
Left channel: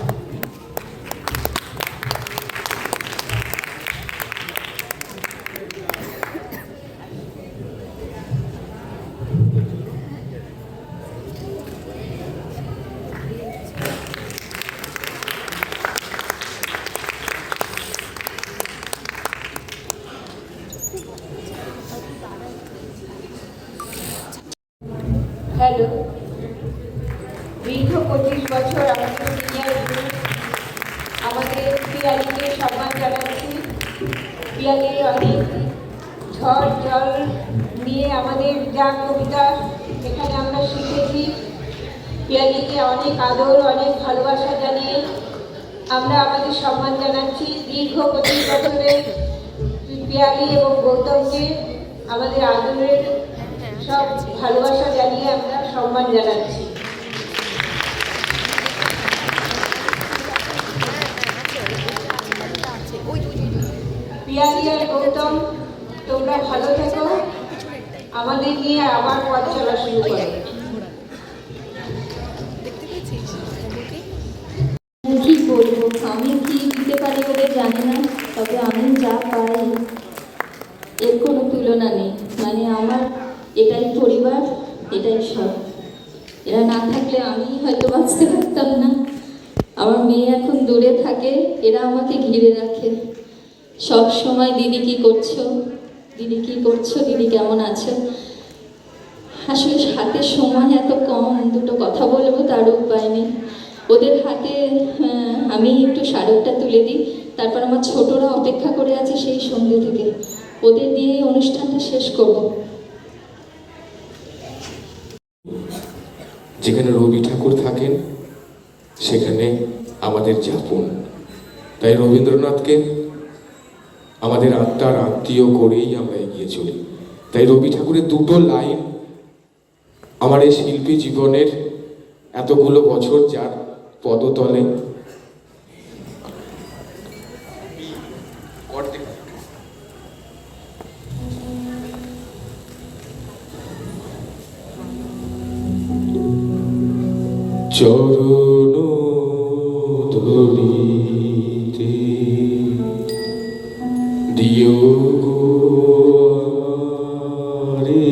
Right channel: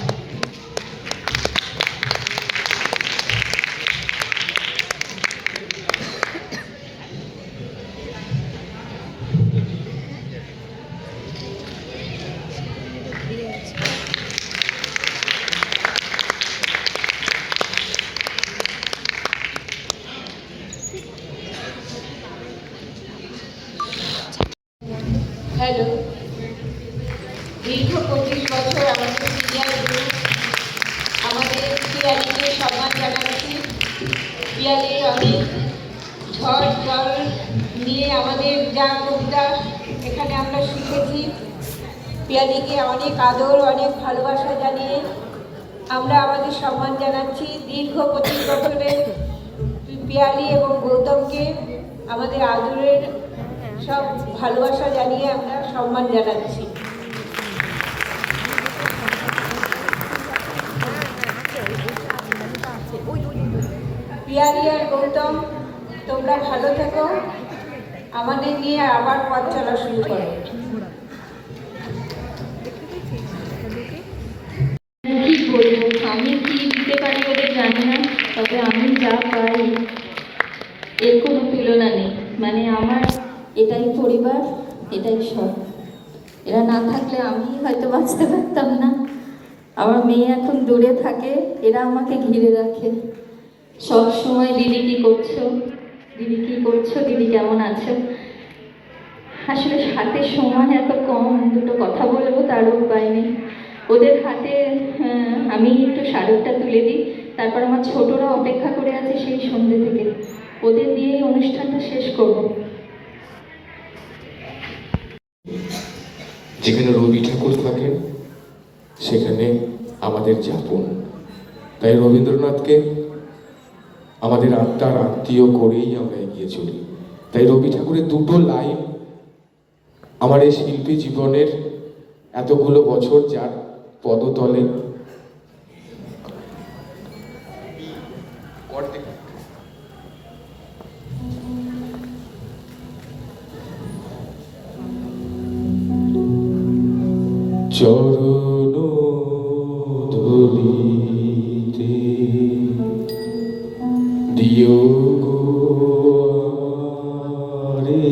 হ্যালো, দীর্ঘ 25 বছর আমাদের পিয়ালিকে সম্মান জানাচ্ছি। পিয়ালি অনেক ঝড় জল নিয়ে আমাদের যা কবিতা এখানে আমরা শিখেছি, পিয়ালিকে অনেক আদর, অনেক ভালোবাসা জানিয়ে আমরা আমাদের সম্মান জানাচ্ছি। দীর্ঘ 25 বছরের পিয়ালি এবং গৌতমকে আমাদের আদরের সব ভালোবাসা জানিয়ে আমরা সম্মান জানাচ্ছি। পিয়ালি আর গৌতম, তোমরা ভালো থেকো, আমাদের নিয়ে আবার পথ চলা শুরু করো। কি বলবো, আমি কি দিতে পারি ওদের জানি না, তবে আমি যা পাই এর কোনো তুলনা নেই। মানে আমার এটাই পরিবার, এটাই সব। এরা না থাকলে আমি হয়তো বাঁচতে পারতাম না। আমার মেয়ে এখন দূরে থাকে, এরা আমাকে ঘিরে রাখে সব সময়। দিদি কি করছো, দিদি কি করছো, দিদি কেমন আছো। আসলে হাতে সময় এত কম, দুটো কথা বলবো তারও উপায় নেই। ওদের হাতে আমি একটু স্মারকটা তুলে দিই, তারপর আমার ছোটরা অপেক্ষা করে আছে সেই সন্ধ্যে থেকে। ওদের দিয়েই অনুষ্ঠানটা শেষ করব। যেখানে রবি ঠাকুর থাকেন সেখানে আমাদের যাপন। তাই রবীন্দ্রনাথকে আমাদের আত্মার আত্মীয় করেই আমরা এগিয়ে চলি। তাই রবি ঠাকুরের দুটো লাইন আমার এই শিল্পী জীবনের এতগুলো বছর যার পদতলে চরণ ধরিতে দিও গো আমারে,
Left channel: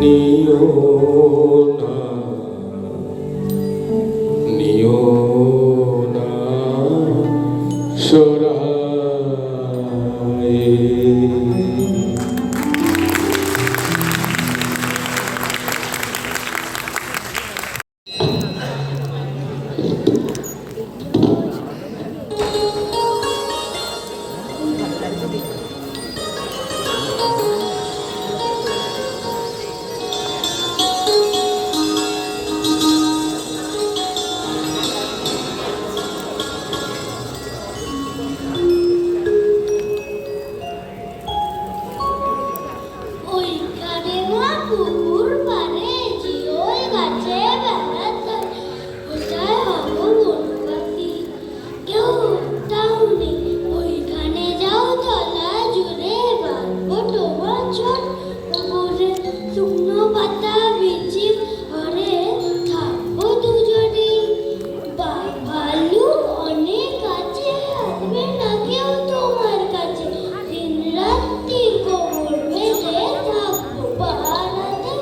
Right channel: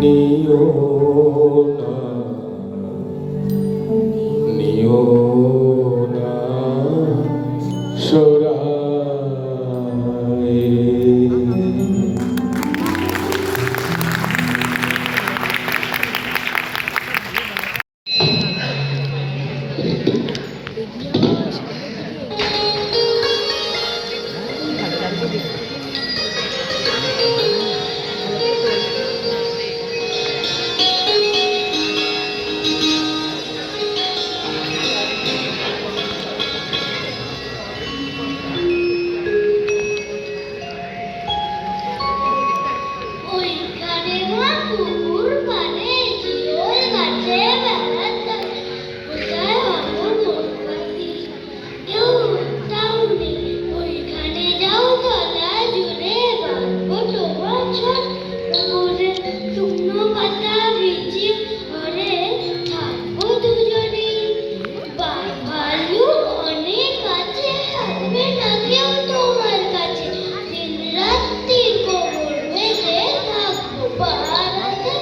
নিও না নিও না সরায়ে। ওইখানে মা পুকুর পানে জিওল গাছে বেড়াতে কোথায় হবো বনবাসী কেউ টাউনে ওইখানে যাও চলা জুড়ে বাঁধবো তোমার ছোট পুকুরে শুকনো পাতা ভিজি ঘরে থাকবো দুজনে ভালু অনেক কাছে আসবে না কেউ তোমার কাছে দিন রাত্রি গোবর মেজে থাকবো পাহাড়াতে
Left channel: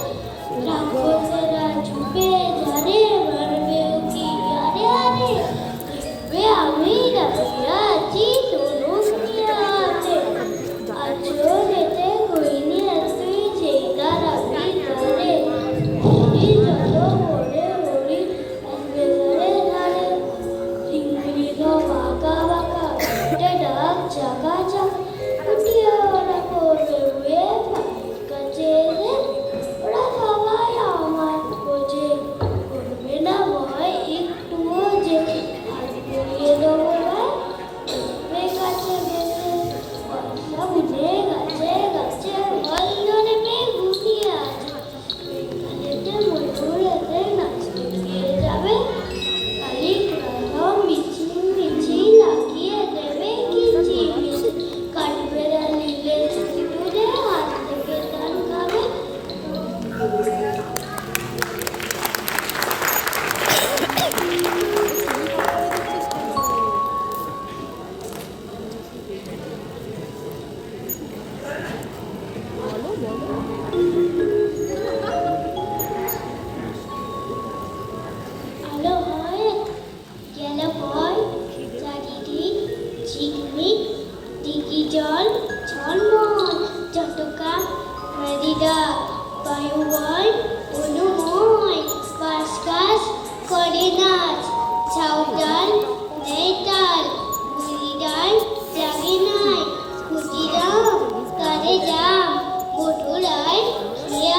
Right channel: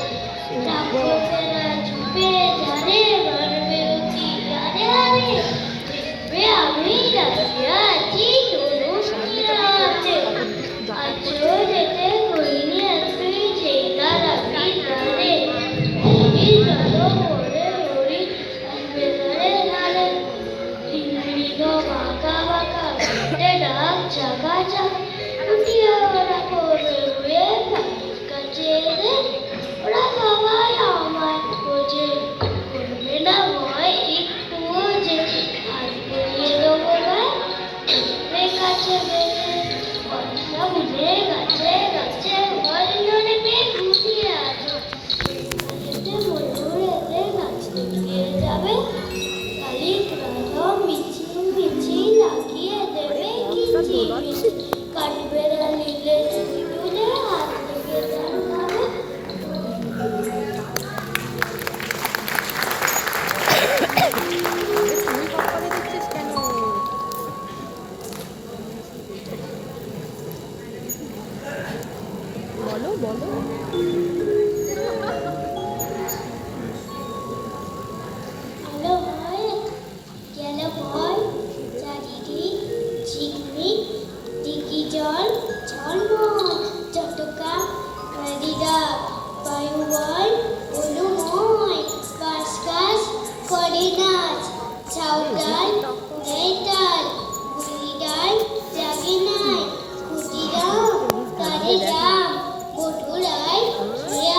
রাক্ষসেরা ছুপে জানে মারবে কি আরে আরে দেখবে আমি রাখিয়া আছি তরুণ কিরাতে আজও যেতে কইনি তুই যেটা রাখি তারে এই চলো বলে ওরি আসবে ধরে ধারে চিংড়ি গো বাঁকা বাঁকা ঘাটে ডাক চাকা চাক উঠিয়ে ওরা করবে উয়ে কাছে ওরা সবাই আমার বোঝে করবে না ভয় একটুও যে হাত বুলিয়ে দেবো গায়ে দেখবে কাছে বেঁধে বর্ষা বুঝে গাছে গাছে ভয় ধরে পেয়ে ঘুমিয়ে আছে যেতে মধুরেতে নাচতে গিয়ে যাবে খালি গ্রহ মিছিল মিছিল লাগিয়ে দেবে কিচি মিছিল কাঠবেড়া নিলে সিঁদুরে হাত থেকে ধান খাবে আলো হয় গেল হয় চারিদিক ঝিকমিক দিঘি জল ঝলমল চটকা নদীরা বায়ু বল অনুময় বাস গাছ করে নাচ ছাউডাল নেই তাল মুড়িডাল জাগে নাই খুঁটিরাও কারে যাম বটুরায় শুয়ে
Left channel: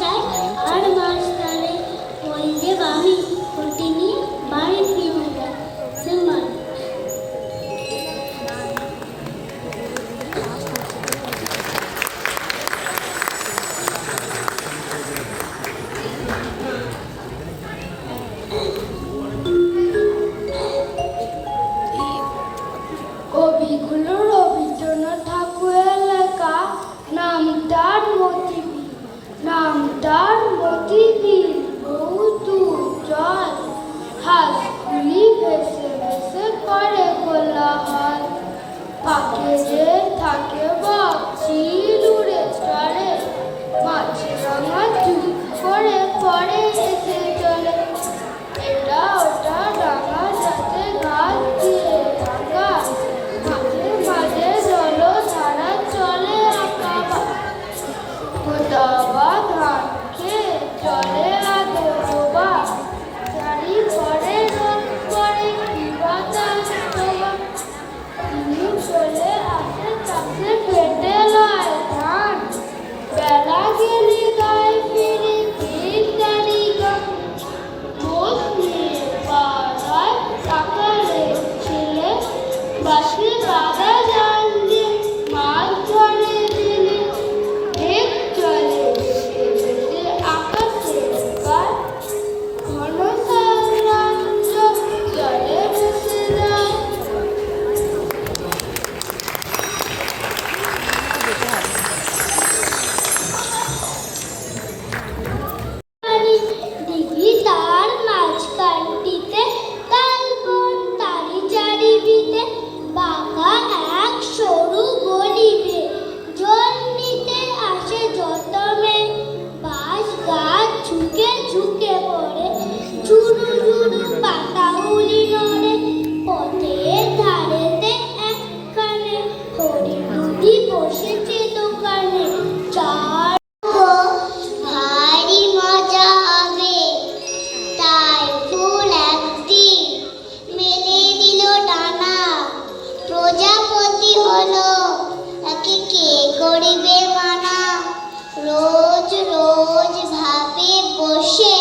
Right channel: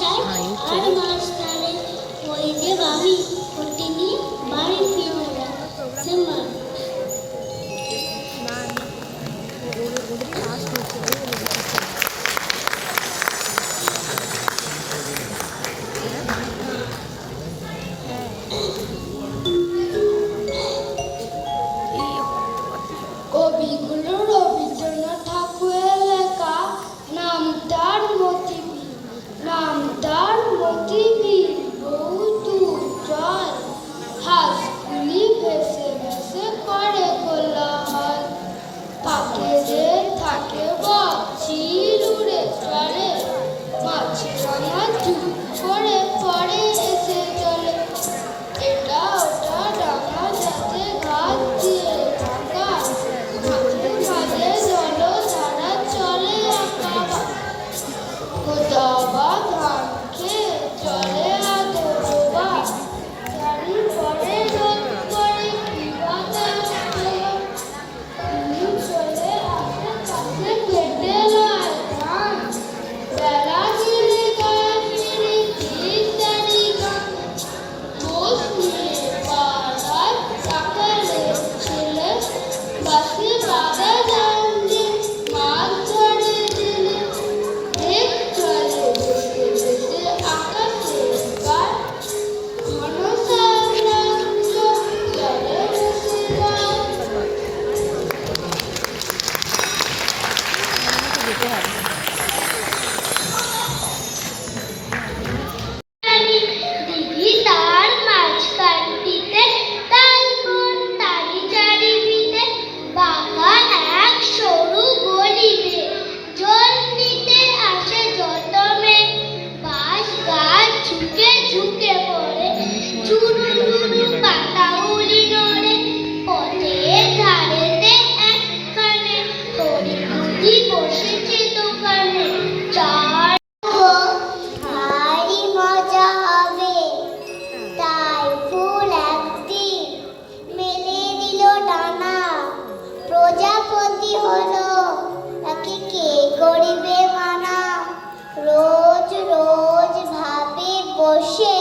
চাই আর মাঝখানে ওই দেব আমি ওটি নিয়ে বাড়ি ফিরে যাই সিম্বল। কবিগুলো রবীন্দ্রনাথ ঠাকুরের লেখা নামদার মতিবীর, নামদার মতিবীর বহু দূর জল, হাঁসগুলি ভেসে ভেসে করে কোলাহল, পাখিদের থাকে বক, চিল উড়ে চলে, মাছেরা মাছ চুপ করে পড়ে এসে চলে, এটা ওটা ডাঙা যাতে গাছ দিয়ে রাঙা, মাঝে মাঝে জলধারা চলে আঁকা, গোদাবা ধান খেয়ে চলে আদরবা, চারি পরে রোদ করে কি বাতাস তোমার, তুমি চলে আসে কাছে কেটে লয় ধান, বেলা গেলে গায়ে ফিরে তিনটারি গান, মোষ নিয়ে পার হয় সকালে ছেলে, বাসে বাঁধা জাল দিয়ে মাছ ধরে দিলে, মেঘ চলে ভেসে ভেসে আকাশে গান, ঘন সাম্রাজ্য জলে ভেসে যায়। দিঘি তার মাঝখানটিতে তালবন তারি চারিদিকে বাঁকা এক সরু গলিতে, জল নিতে আসে যত মেয়ে, বাঁশ গাছ ঝুঁকে ঝুঁকে পড়ে, ঝুরু ঝুরু পাতাগুলি নড়ে, পথের ধারেতে একখানে হরিণটি বসেছে দোকানে, চার ভারী মজা হবে, তাই ফুল একদিন মেলে দিল ডানা, প্রজাপতি হলো তাকে কে করিবে মানা, রোজ রোজ ভাবে বসে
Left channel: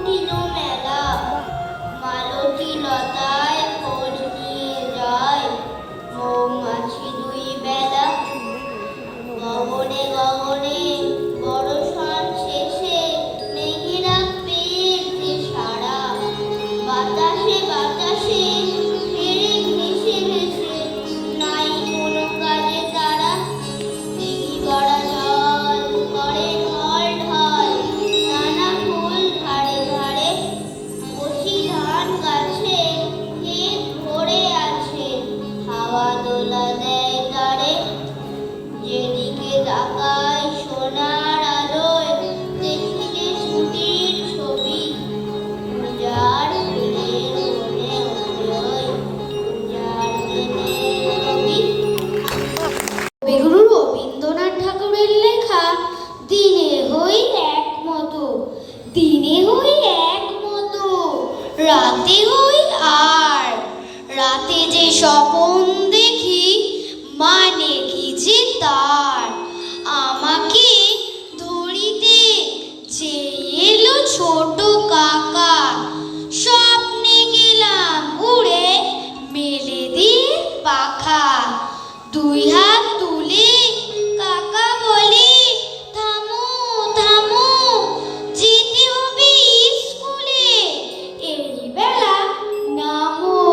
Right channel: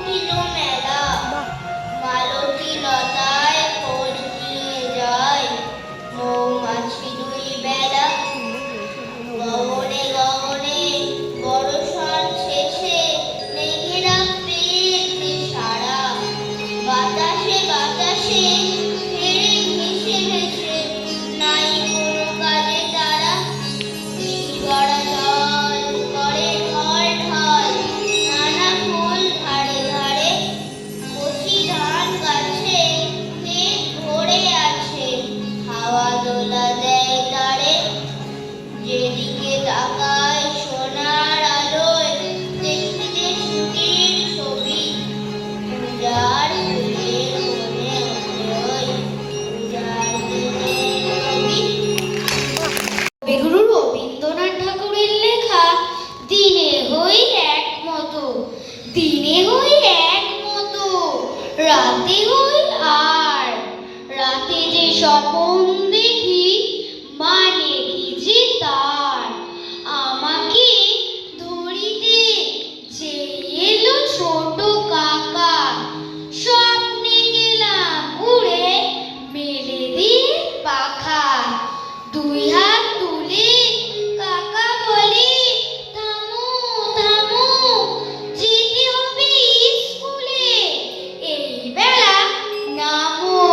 উঠিল মেলা, মালতী লতায় খোঁজ নিয়ে যায় মৌমাছি দুই বেলা। গগনে গগনে বর্ষণ শেষে মেঘেরা পেয়েছে সারা, বাতাসে বাতাসে ফেরে ভেসে ভেসে নাই কোনো কাজে তারা। গড়া জল করে ঢল ঢল, নানা ফুল ধারে ধারে, কচি ধান গাছে ক্ষেত ভরে আছে, হাওয়া দোলা দেয় তারে। যেদিকে তাকায় সোনার আলোয় দেখি যে ছুটির ছবি, পূজার ফুলের মনে মনে পূজার দিনের ছবি। কবিগুরু রবীন্দ্রনাথ ঠাকুরের লেখা দিনে হই একমতো, দিনে হই একমতো, রাতে হই আর। রাতে যে স্বপন দেখি মানে কি যে তার, আমাকে ধরিতে যে এলো ছোট কাকা, স্বপ্নে গেলাম উড়ে মেলে দিয়ে পাখা। দুই হাত তুলে কাকা বলে, থামো থামো, যেতে হবে স্কুলে, এই বেলা নামো।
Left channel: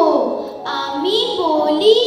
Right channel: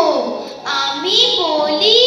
আমি বলি,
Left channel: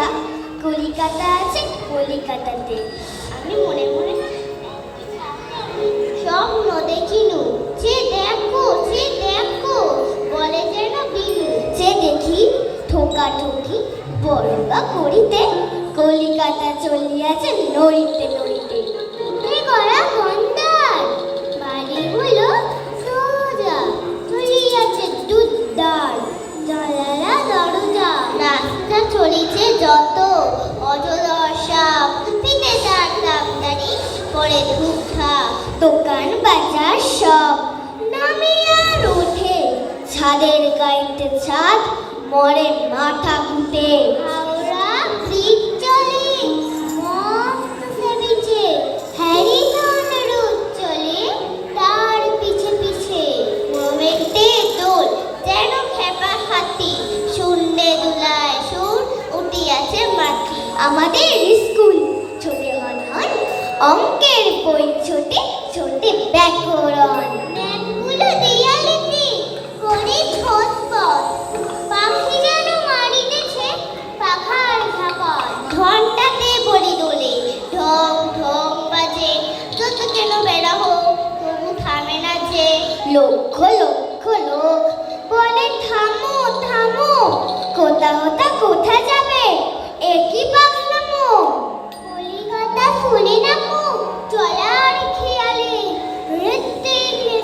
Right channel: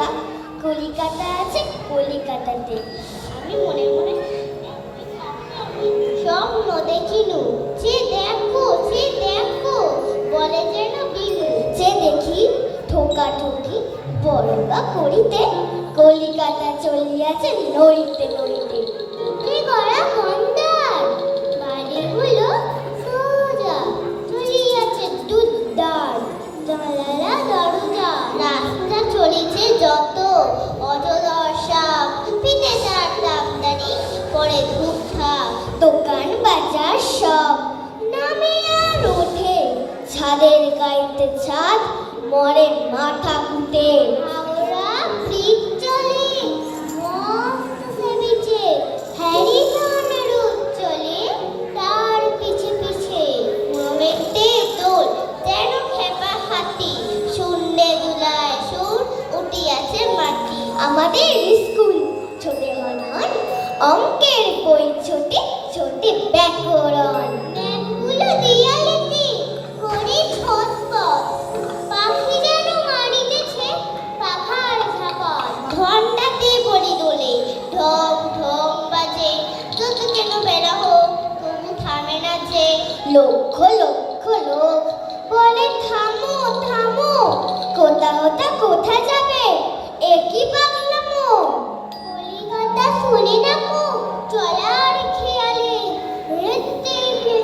মজা কলিকাতা আছে কলিকাতাতে। আমি মনে মনে স্বপ্ন দেখিনু, যে দেখো বলে যেন বিনু, যে দেখি ঠোকাঠুকি বড়বা করিতে, কলিকাতা চলিয়াছে নড়িতে নড়িতে। উঠে গড়া মন্দার বাড়ি হলো সোজা, চলিয়াছে দুধদার জানালা দরজা। রাস্তা চলিছে যত অজদর্শা, পিঠে তার দামদানি পরে ধূপধা, দোকান বাজার সব নামে আর ওঠে, ছাদের গাইতে ছাদ মরে মাথা ঘুটে। হাওড়া ব্রিজ চলে মস্ত হ্যারিসন রোড চলে তার পিছে পিছে। মোমেন্টে দোল যেন খেপা হাতি, শূন্যে দুলায় সুর উঠিয়াছে মাটি। আমাদের স্কুল ছোটে হন অঙ্কের বই ছোটে ছোটে ব্যাকরণ। ম্যাপগুলো দেয়ালেতে করে ছটপট, পাখি যেন মারিতেছে পাখার ঝাপট। ঘন্টাতে বলি দোলে ঢং ঢং বাজে, যত কেন বেড়া হোক তবু থামে না যে। লক্ষ লক্ষ লোক বলে থামো থামো, কোথা কোথা কোথা যাবে একই পাগলামো। কলিকাতা শুনে না কো চলার খেয়ালে, নৃত্যে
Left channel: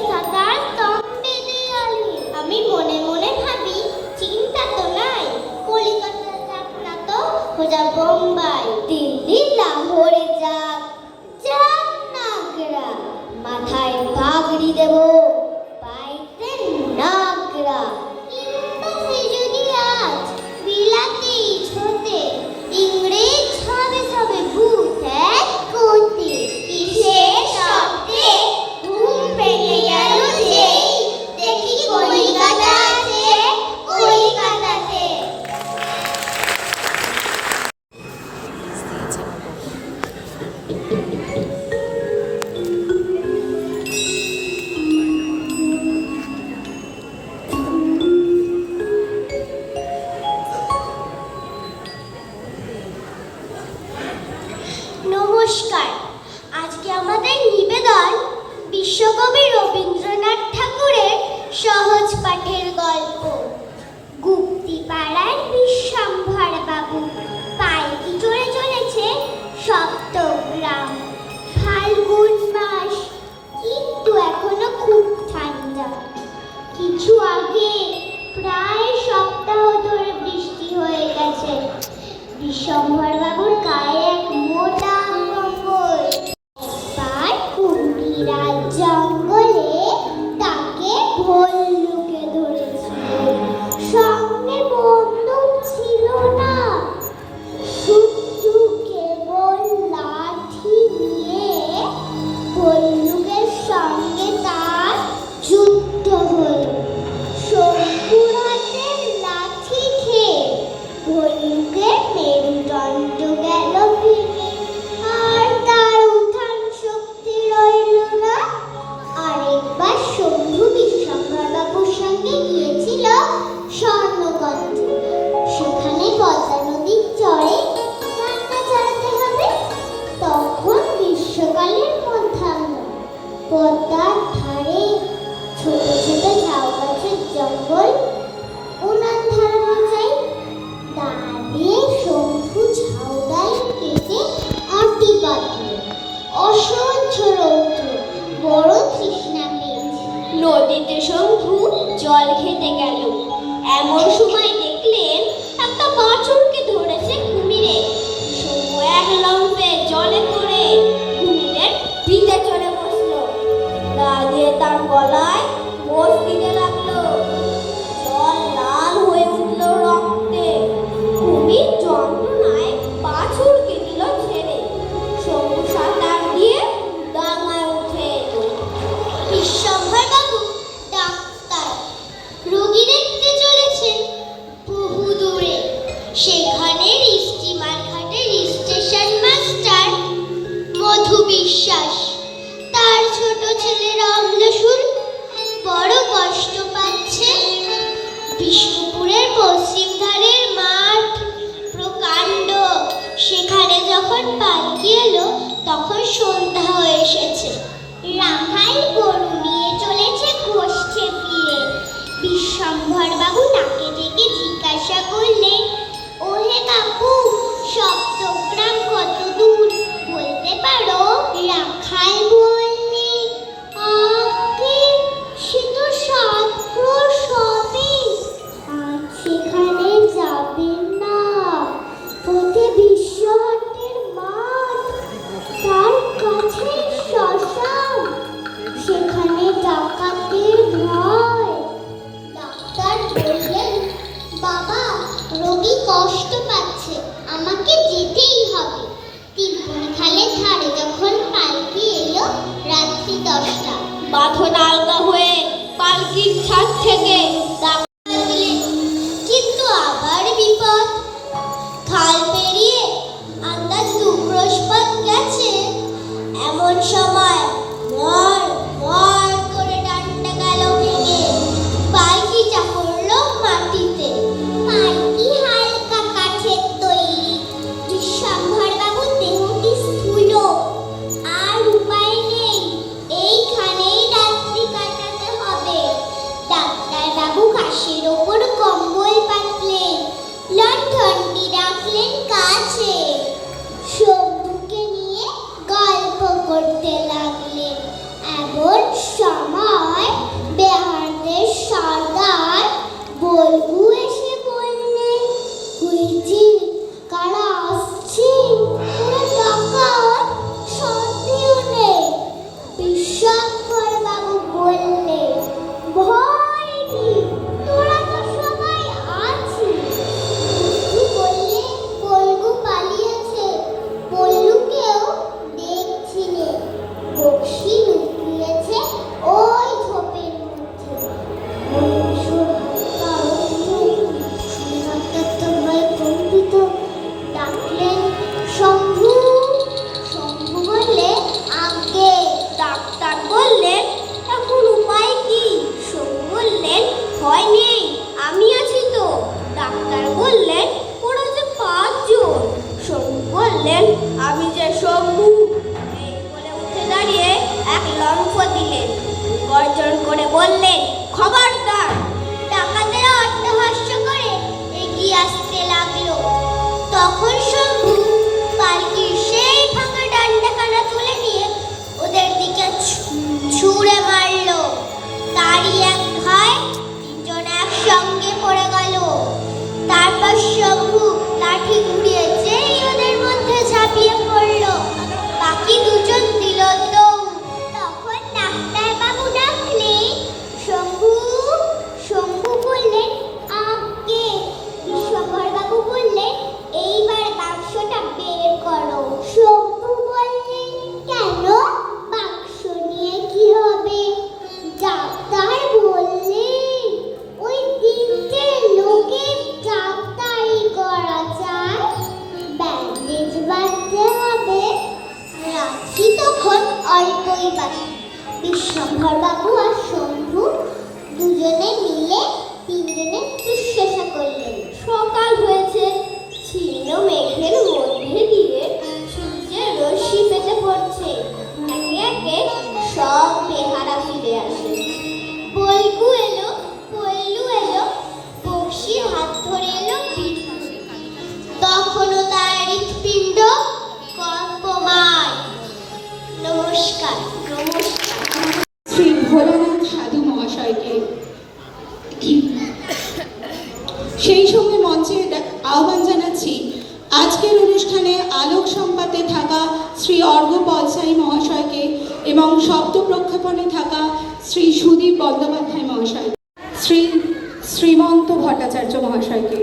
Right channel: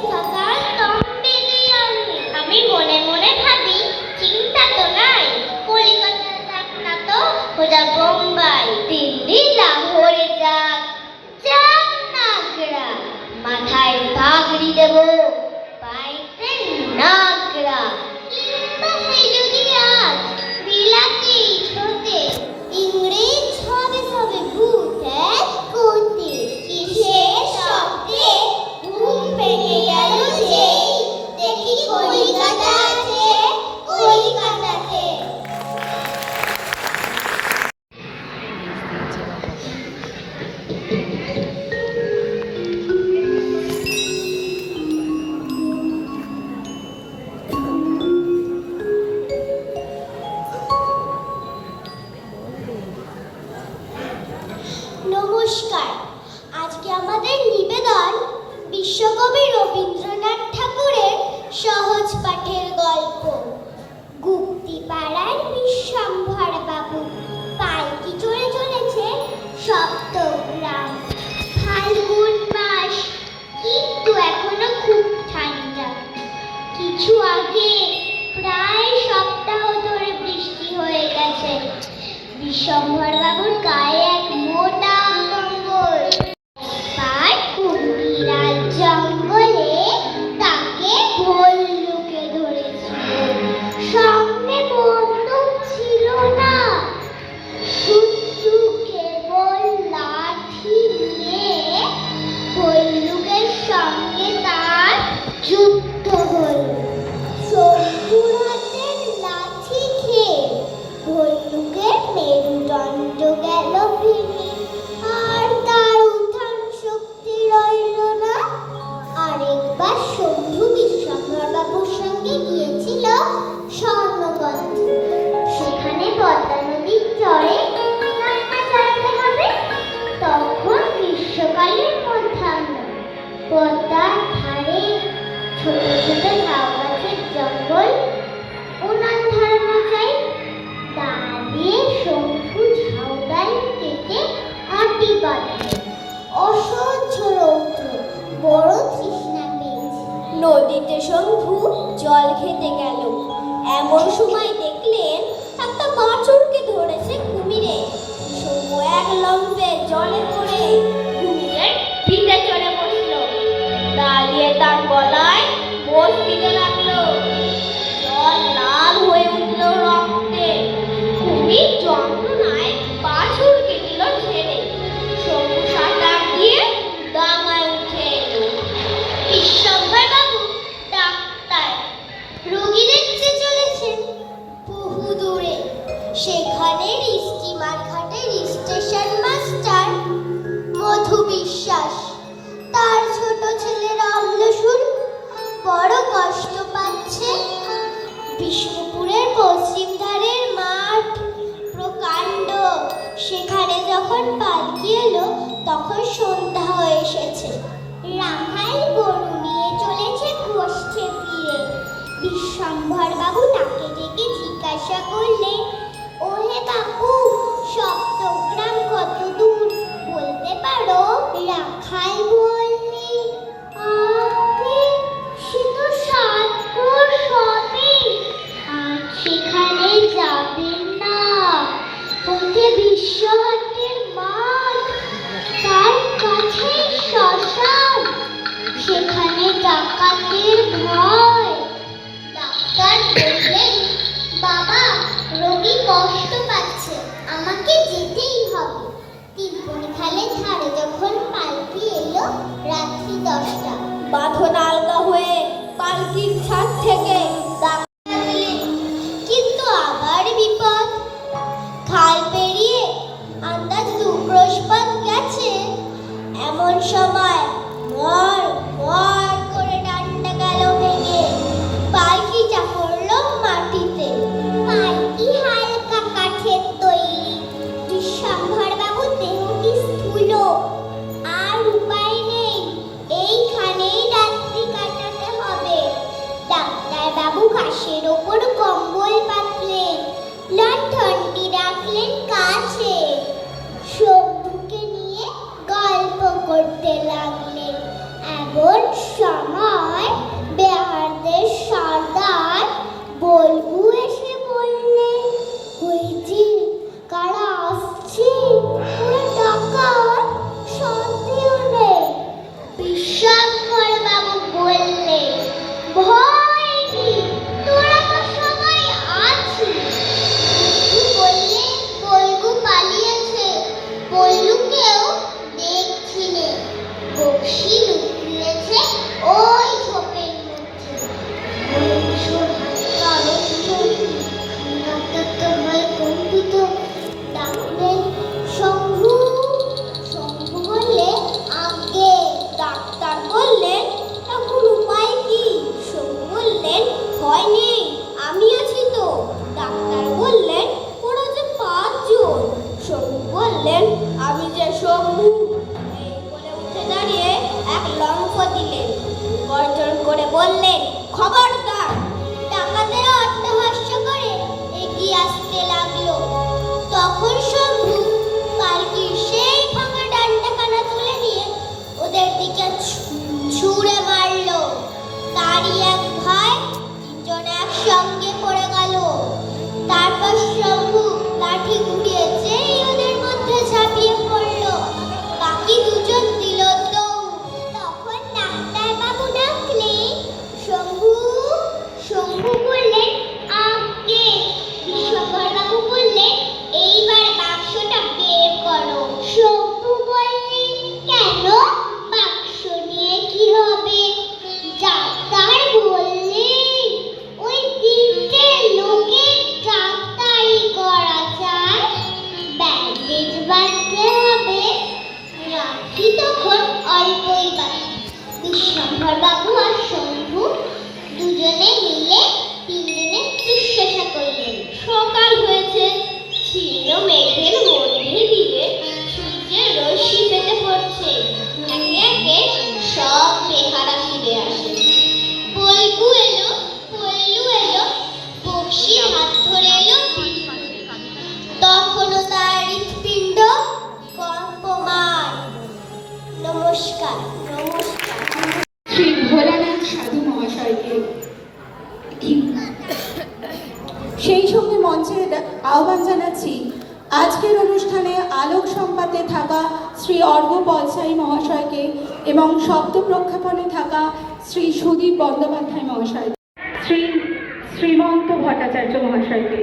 থাকার তম্বে দেয়ালে। আমি মনে মনে ভাবি চিন্তা তো নাই, কলিকাতা যাক না তো খোঁজা বোম্বাই, দিল্লি লাহোরে যাক যাক নাগরা, মাথায় পাগড়ি দেব পাইতে নাগরা। কিংবা সে যদি আজ বিলাতি ছোটে, ইংরেজ হবে সবে ভূত এক কোটি। কিসের শব্দে ঘুম ভেঙে গেল যেই, দেখি কলিকাতা আছে কলিকাতাতে। নমস্কার, আজকে আমাদের নিবেদন বিশ্বকবি রবীন্দ্রনাথ ঠাকুরের সহজ পাঠের গল্প। গুপ্তিপাড়ার বিশ্বম্ভর বাবু পালকি চড়ে চলেছে সপ্তগ্রাম। ফাল্গুন মাস, কিন্তু এখনো খুব ঠান্ডা। কিছু আগে প্রায় সপ্তাহ ধরে বৃষ্টি হয়ে গেছে। বিশ্বম্ভর বাবুর গায়ে এক মোটা কম্বল। তার কুমিরার জঙ্গলে তাকে ভল্লুকে ধরেছিল। সঙ্গে বন্দুক ছিল না, শুধু কেবল লাঠি নিয়ে ভল্লুকের সঙ্গে তার যুদ্ধ হল। শঙ্কুর হাতের লাঠি খেয়ে ভল্লুকের মেরুদণ্ড গেল যখন পালকি এলো তখন সন্ধ্যা হয়ে এসেছে। রাখাল গরু নিয়ে চলেছে গোষ্ঠে ফিরে। বিশ্বম্ভর বাবু তাকে ডেকে জিজ্ঞাসা করলেন, ওহে বাবু, সপ্তগ্রাম কত দূর বলতে পারো? রাখাল বললে, আগে সে তো 7 ক্রোশ হবে। আর সেখানে যাবেন না, পথে বিশ্বহাটের মাঠ, তার কাছে শ্মশান, সেখানে ডাকাতের ভয়। ডাক্তার বললেন, বাবা, রোগী কষ্ট পাচ্ছে, আমাকে যেতেই হবে। তিনপুনি খালের ধারে যখন পালকি এলো রাত্রি 10টা, বাঁধন আলগা হয়ে পালকির ছাদ থেকে ডাক্তার দিলেন। কিন্তু আবার বিপদ, খাল পেরিয়ে আন্দাজ 2 ক্রোশ পথ গেছে, এমন সময় মর মর করে ডান্ডা গেল ভেঙে, পালকিটা পড়লো মাটিতে। পালকি হালকা কাঠের তৈরি, বিশ্বম্ভর বাবু দেহটি স্থূল, আর উপায় নেই, এইখানেই রাত্রি কাটাতে হবে। ডাক্তার বাবু ঘাসের ওপর কম্বল পাতলেন, লণ্ঠনটি রাখলেন কাছে, শম্ভুকে নিয়ে গল্প করতে লাগলেন। এমন সময় বেহারদের সর্দার বলগু এসে বললেন, ওই যে কারা আসছে, ওরা ডাকাত, সন্দেহ নেই। বিশ্বম্ভর বাবু বললেন, ভয় নেই, তোরা তো সবাই আছিস। বললে, বলগু পালিয়েছে, বল্লুকেও দেখছি নে, বক্সি লুকিয়েছে ওই ঝোপের মধ্যে। কম্পিত ডাকলেন, শম্ভু। শম্ভু বললে, আগে। ডাক্তার বললেন, এখন উপায় কি? শম্ভু বললেন, ভয় নেই, আমি আছি তো। ডাক্তার বললেন, ওরা যে 5 জন। শম্ভু বললেন, আমি যে শম্ভু। এই বলে উঠে দাঁড়িয়ে এক লম্ফ দিলেন, গর্জন করে বললেন, খবরদার। ডাকাতেরা অট্টহাস্য করে এগিয়ে আসতে লাগলো। তখন শম্ভু পালকির সেই ফাঁকা ডান্ডাখানা তুলে নিয়ে ওদের দিকে ছুঁড়ে মারলো। তারই এক ভয় 3 জন একসঙ্গে পড়ে গেল। তারপর শম্ভু লাঠি ঘুরিয়ে যেই ওদের মধ্যে ঝাঁপিয়ে পড়লো, বাকি 2 জন দিল দৌড়। তখন ডাক্তার বাবু ডাকলেন, শম্ভু। শম্ভু বললেন, আগে। বিশ্বম্ভর বাবু বললেন, এইবার বাক্সটা বের করো। শম্ভু বললেন, কেন? বাক্স নিয়ে কি হবে? ডাক্তার বললেন, ওই 3টে লোকের ডাক্তারি করা যায়, ব্যান্ডেজ বাঁধতে হবে, রাখি তখন অল্পই বাকি। বিশ্বম্ভর বাবু আর শম্ভু দুজনে মিলে 3 দিনে শুশ্রূষা করলেন। সকাল হয়েছে, ছিল মেঘের মধ্যে দিয়ে সূর্যের রশ্মি পেতে পড়ছে। একে একে সব বেহারা ফিরে আসে। বল্গু এলো, পল্লু এলো, বক্সির হাত ধরে এলো বিল্লু। তখনও তার হৃৎপিণ্ড কম্পমান। নমস্কার, নমস্কার। শ্রী ভোলানাথ সাধু মহাশয়কে সেই সঙ্গে মঞ্চে আহ্বান জানাচ্ছি আজকের অনুষ্ঠানে আলোক সম্পাতে থাকা শ্রী অর্ঘ বলসাই মহাশয়কে এবং শব্দ প্রক্ষেপণে থাকা শ্রী সুদীপ বন্দ্যোপাধ্যায় মহাশয়, শ্রী শ্রীমন্ত ভট্টাচার্য মহাশয়কে।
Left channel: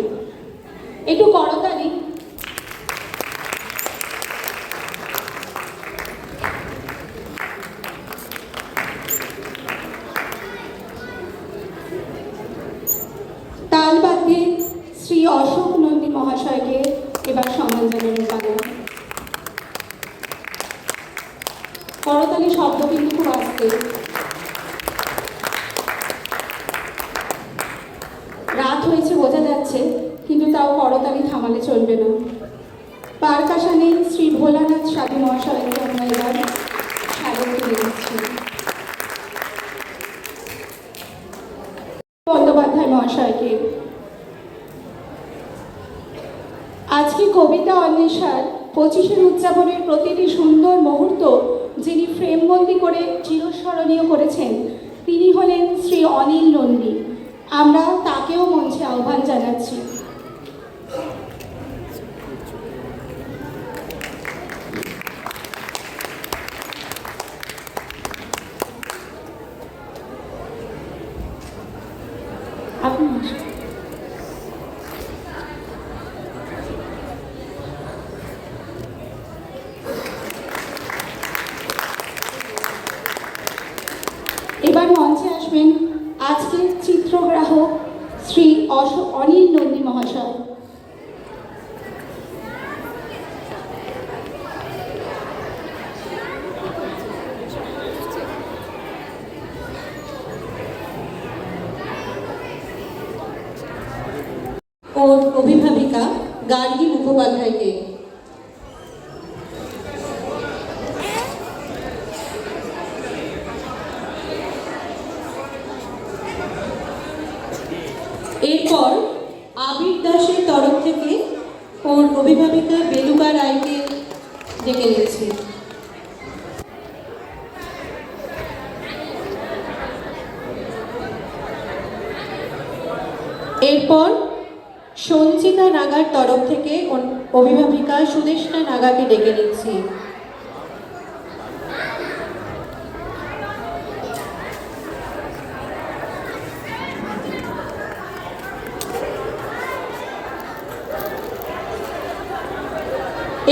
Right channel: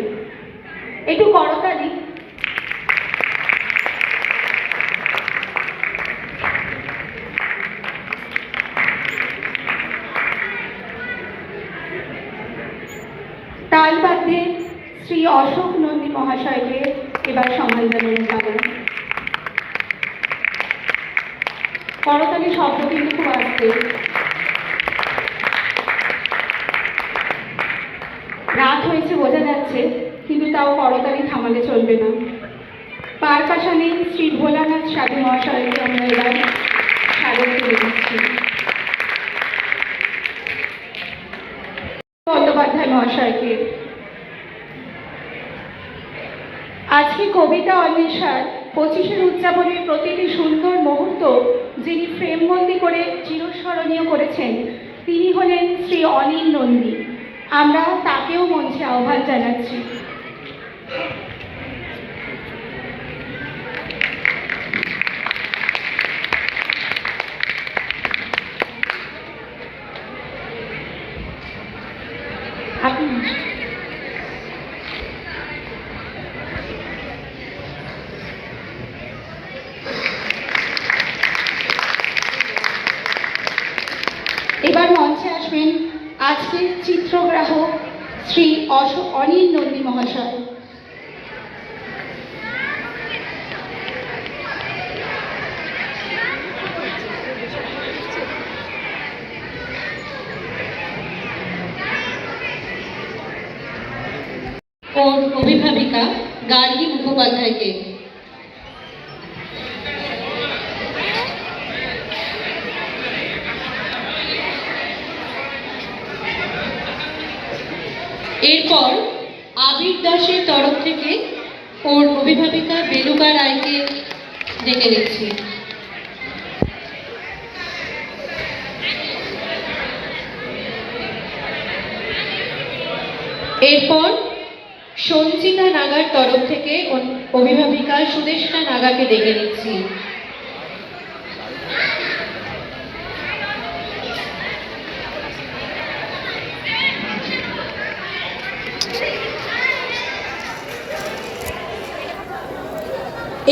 একটু করতালি। তাল বাদ্যে শ্রী অশোক নন্দী মহাশয়কে এবার সম্মান জানানো যাবে। করতালি শব্দ কিন্তু খুব আসছে। রাত হয়েছে বোঝা যাচ্ছে, কিন্তু তাও করতালি থামালে চলবে না। পারকাশনে শ্রী ভোলানাথ সাধু মহাশয়কে আমরা এবার স্বাগত করে দিচ্ছি। বন্দ্যোপাধ্যায় মহাশয়কে আজকে কবিতা অন্বেষার 25-এর উদযাপনের প্রতিটি সুন্দর মুহূর্ত যিনি ফ্রেমবন্দি করে চিরস্মরণীয় করেছেন তিনি হলেন শ্রী অনিল নন্দী। আমরা তাকেও মঞ্চে আহ্বান জানাচ্ছি। এবার মঞ্চে আসবেন আজকের চিত্রগ্রাহক শ্রী অনিল নন্দী মহাশয়। ওর অভিভাবিকা গার্গী মুখোপাধ্যায়কে, এরপর আবির দাসের তরফ থেকে ওর অভিভাবিকা বেলুকা রায়কে ডেকে নিচ্ছি। এরপর সঞ্চিতা নাগার তরফ থেকে অভিভাবিকা সুদেষ্টা নাগাকে ডেকে নিচ্ছি।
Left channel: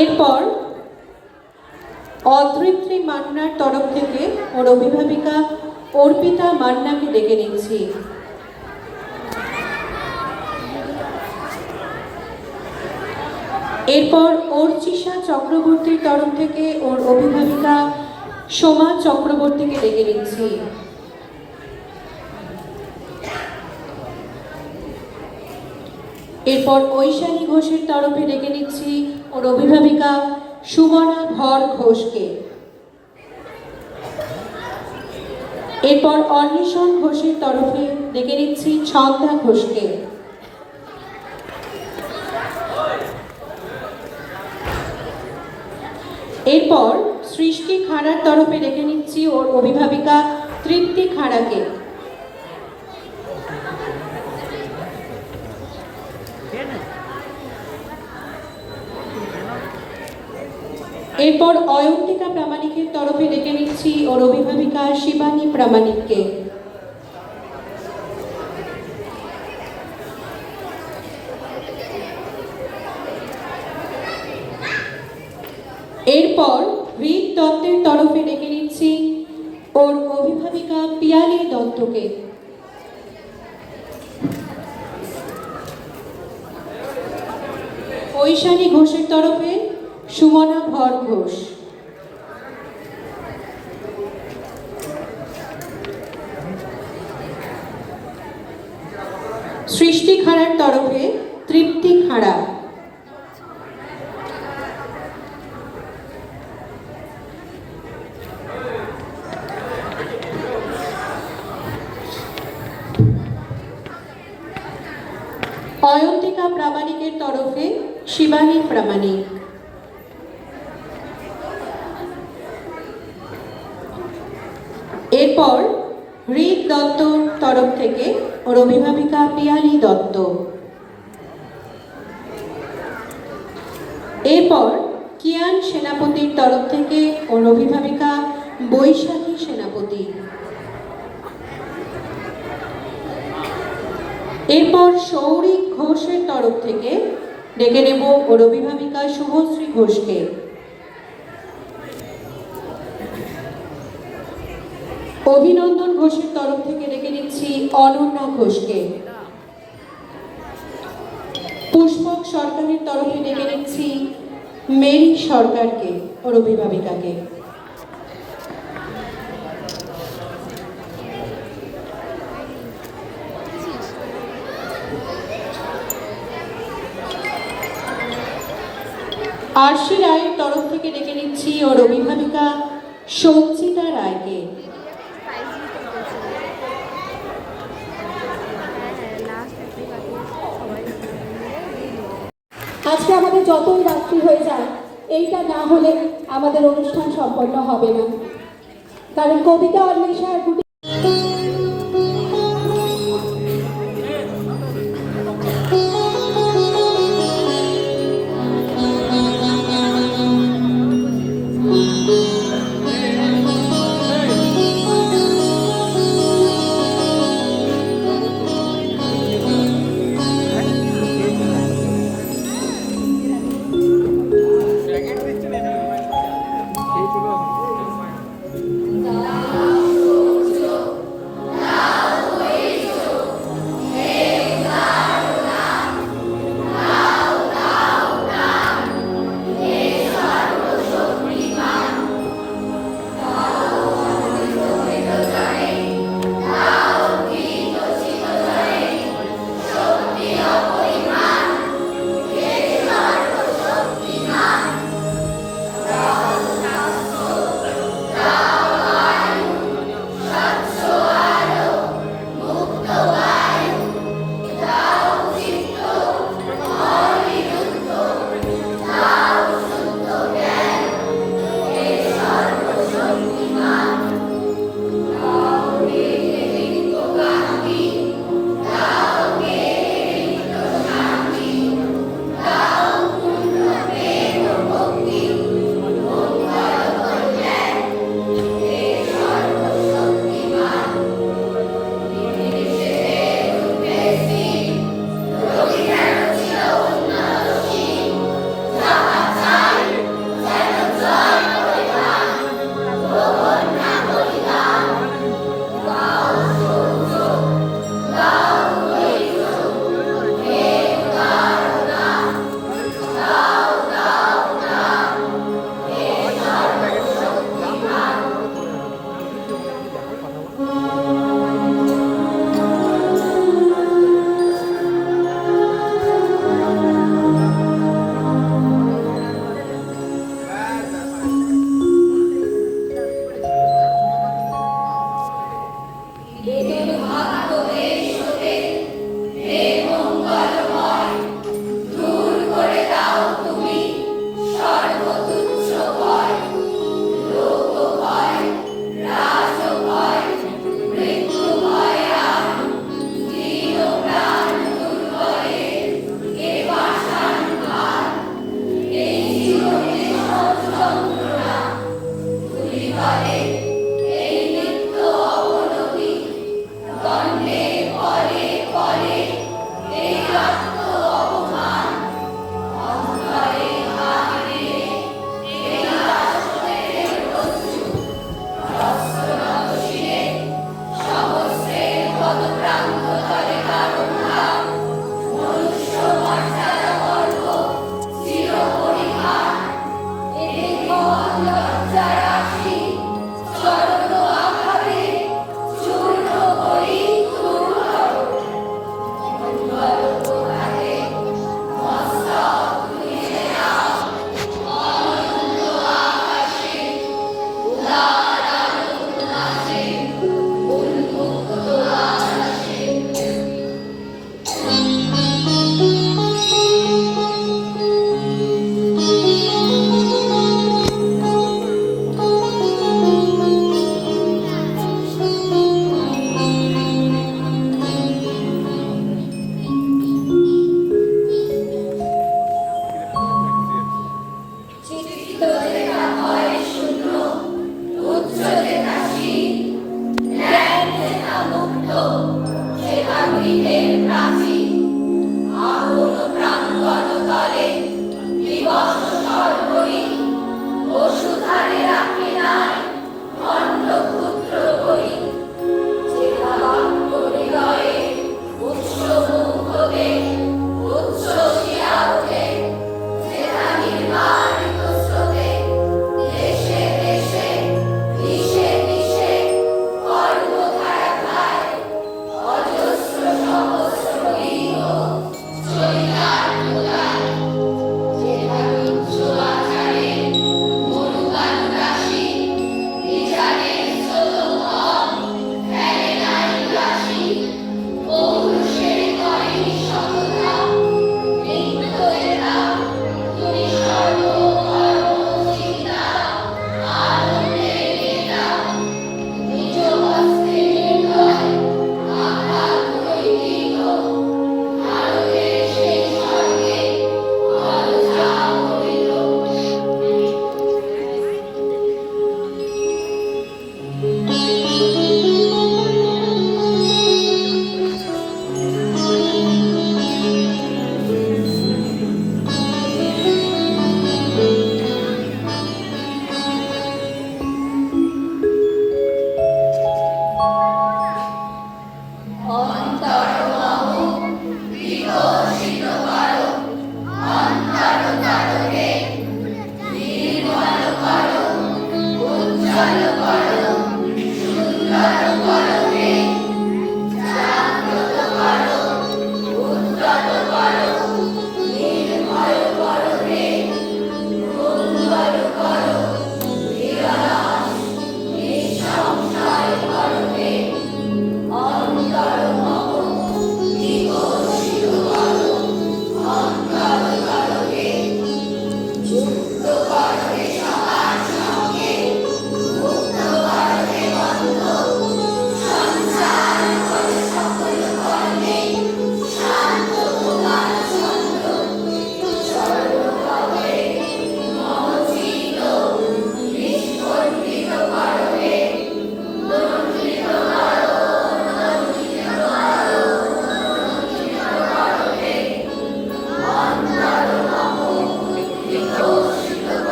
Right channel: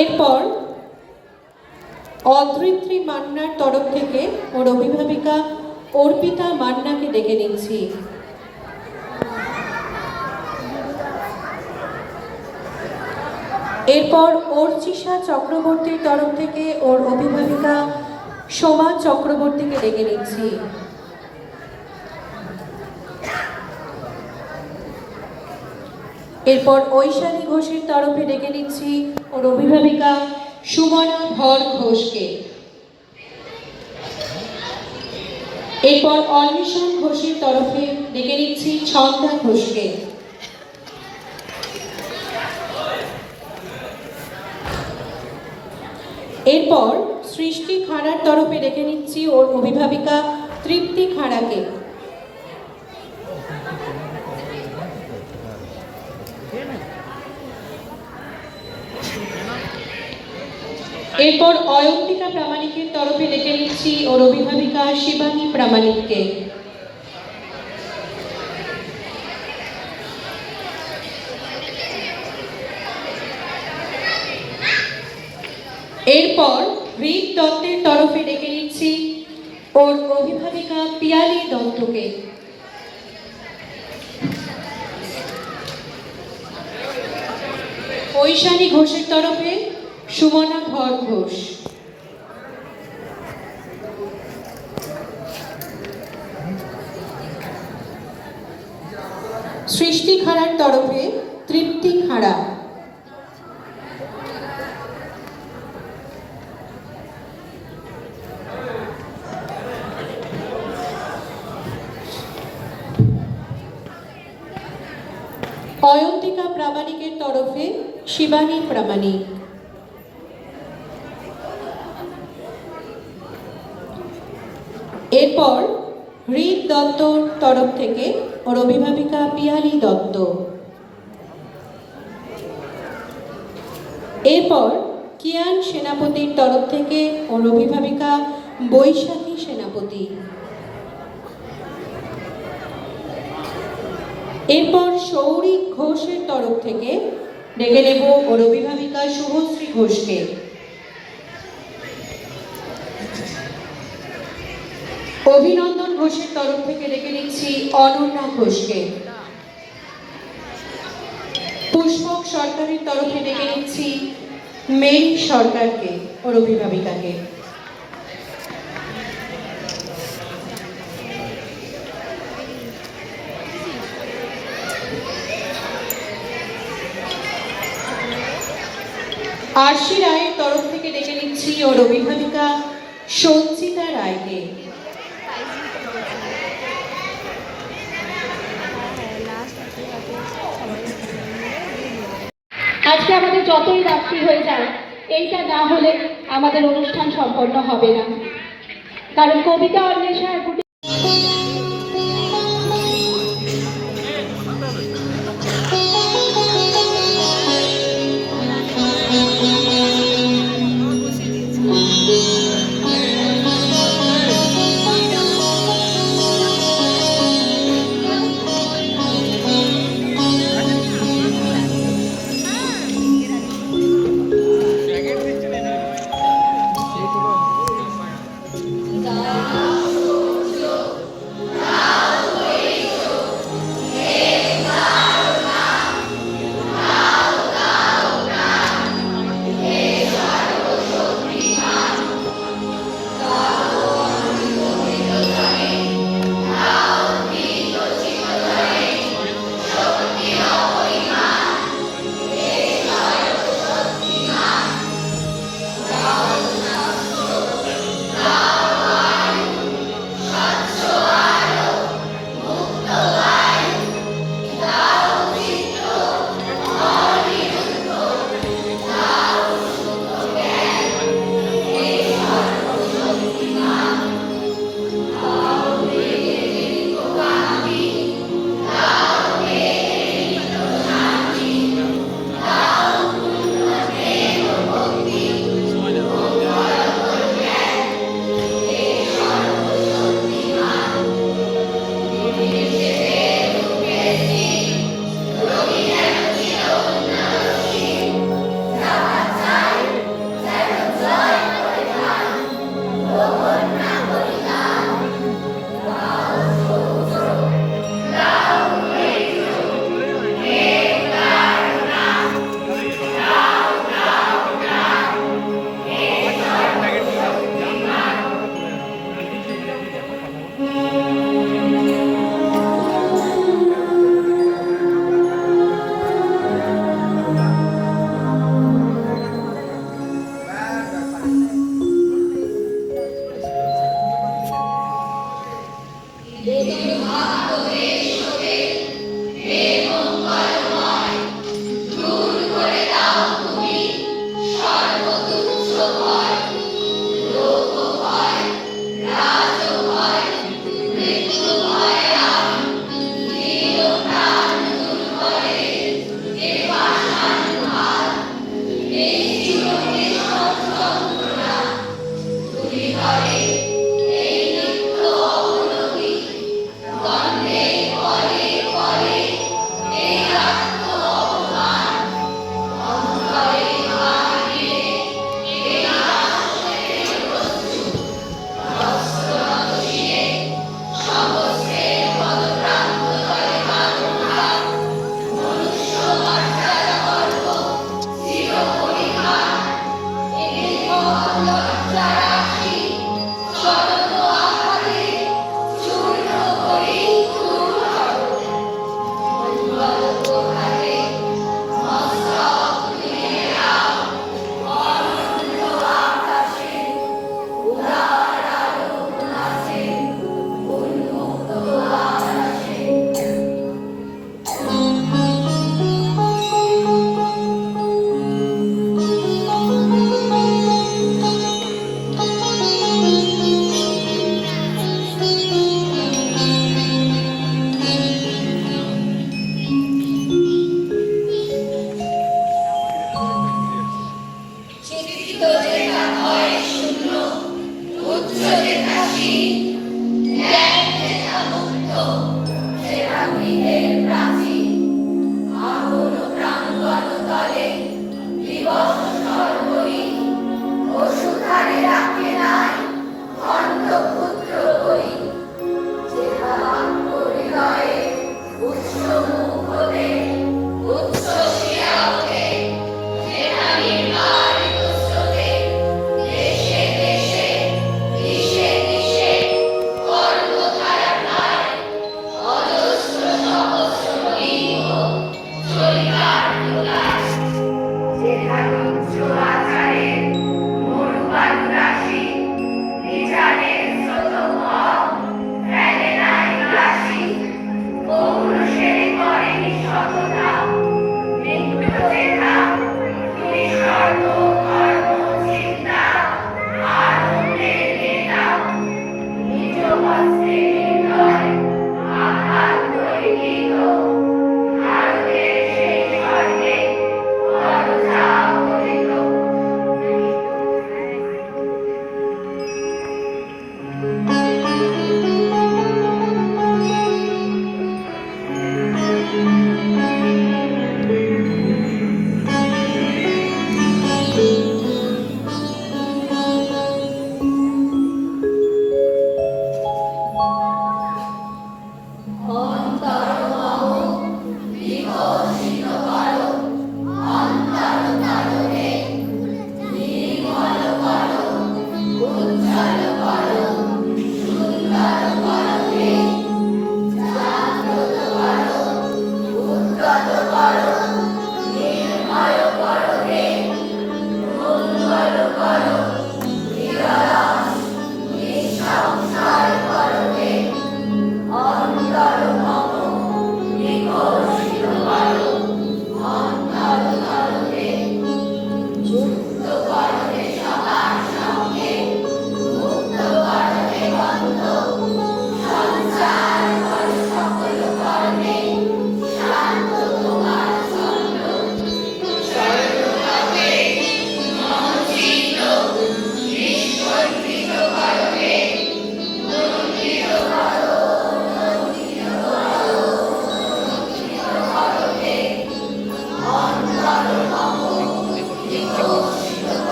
এরপর অধৃত্রী মান্নার তরফ থেকে ওর অভিভাবিকা অর্পিতা মান্নাকে ডেকে নিচ্ছি। এরপর অর্চিষা চক্রবর্তীর তরফ থেকে ওর অভিভাবিকা সোমা চক্রবর্তীকে ডেকে নিচ্ছি। এরপর ঐশানী ঘোষের তরফে ডেকে নিচ্ছি ওর অভিভাবিকা সুমনা ধর ঘোষকে। এরপর অন্বেষণ ঘোষের তরফে ডেকে নিচ্ছি ছন্দা ঘোষকে। এরপর সৃষ্টি খাঁড়ার তরফে ডেকে নিচ্ছি ওর অভিভাবিকা তৃপ্তি খাঁড়াকে। এরপর অয়ন্তিকা প্রামাণিকের তরফে ডেকে নিচ্ছি ওর অভিভাবিকা শিবানী প্রামাণিককে। এরপর ঋক দত্তের তরফে ডেকে নিচ্ছি ওর অভিভাবিকা পিয়ালি দত্তকে। ঐশানী ঘোষের তরফে সুমনা ধর ঘোষ। সৃষ্টি খাঁড়ার তরফে তৃপ্তি খাঁড়া। অয়ন্তিকা প্রামাণিকের তরফে শিবানী প্রামাণিক। এরপর ঋক দত্তর তরফ থেকে ওর অভিভাবিকা পিয়ালি দত্ত। এরপর কিয়ান সেনাপতির তরফ থেকে ওর অভিভাবিকা বৈশাখী সেনাপতি। এরপর সৌরিক ঘোষের তরফ থেকে ডেকে নেব ওর অভিভাবিকা শুভশ্রী ঘোষকে। অভিনন্দন ঘোষের তরফ থেকে ডেকে নিচ্ছি অনন্যা ঘোষকে। পুষ্পক সরকারের তরফে ডেকে নিচ্ছি মেরি সরকারকে ওর অভিভাবিকাকে। আরশি রায়ের তরফ থেকে ডেকে নিচ্ছি ওর অভিভাবিকা সঞ্চিতা রায়কে। আজকে আমাদের যতই রাত্রি হয়ে যায়, এইটা না হলে আমাদের অনুষ্ঠান সম্পন্ন হবে না। কারণ কবিতা অন্বেষার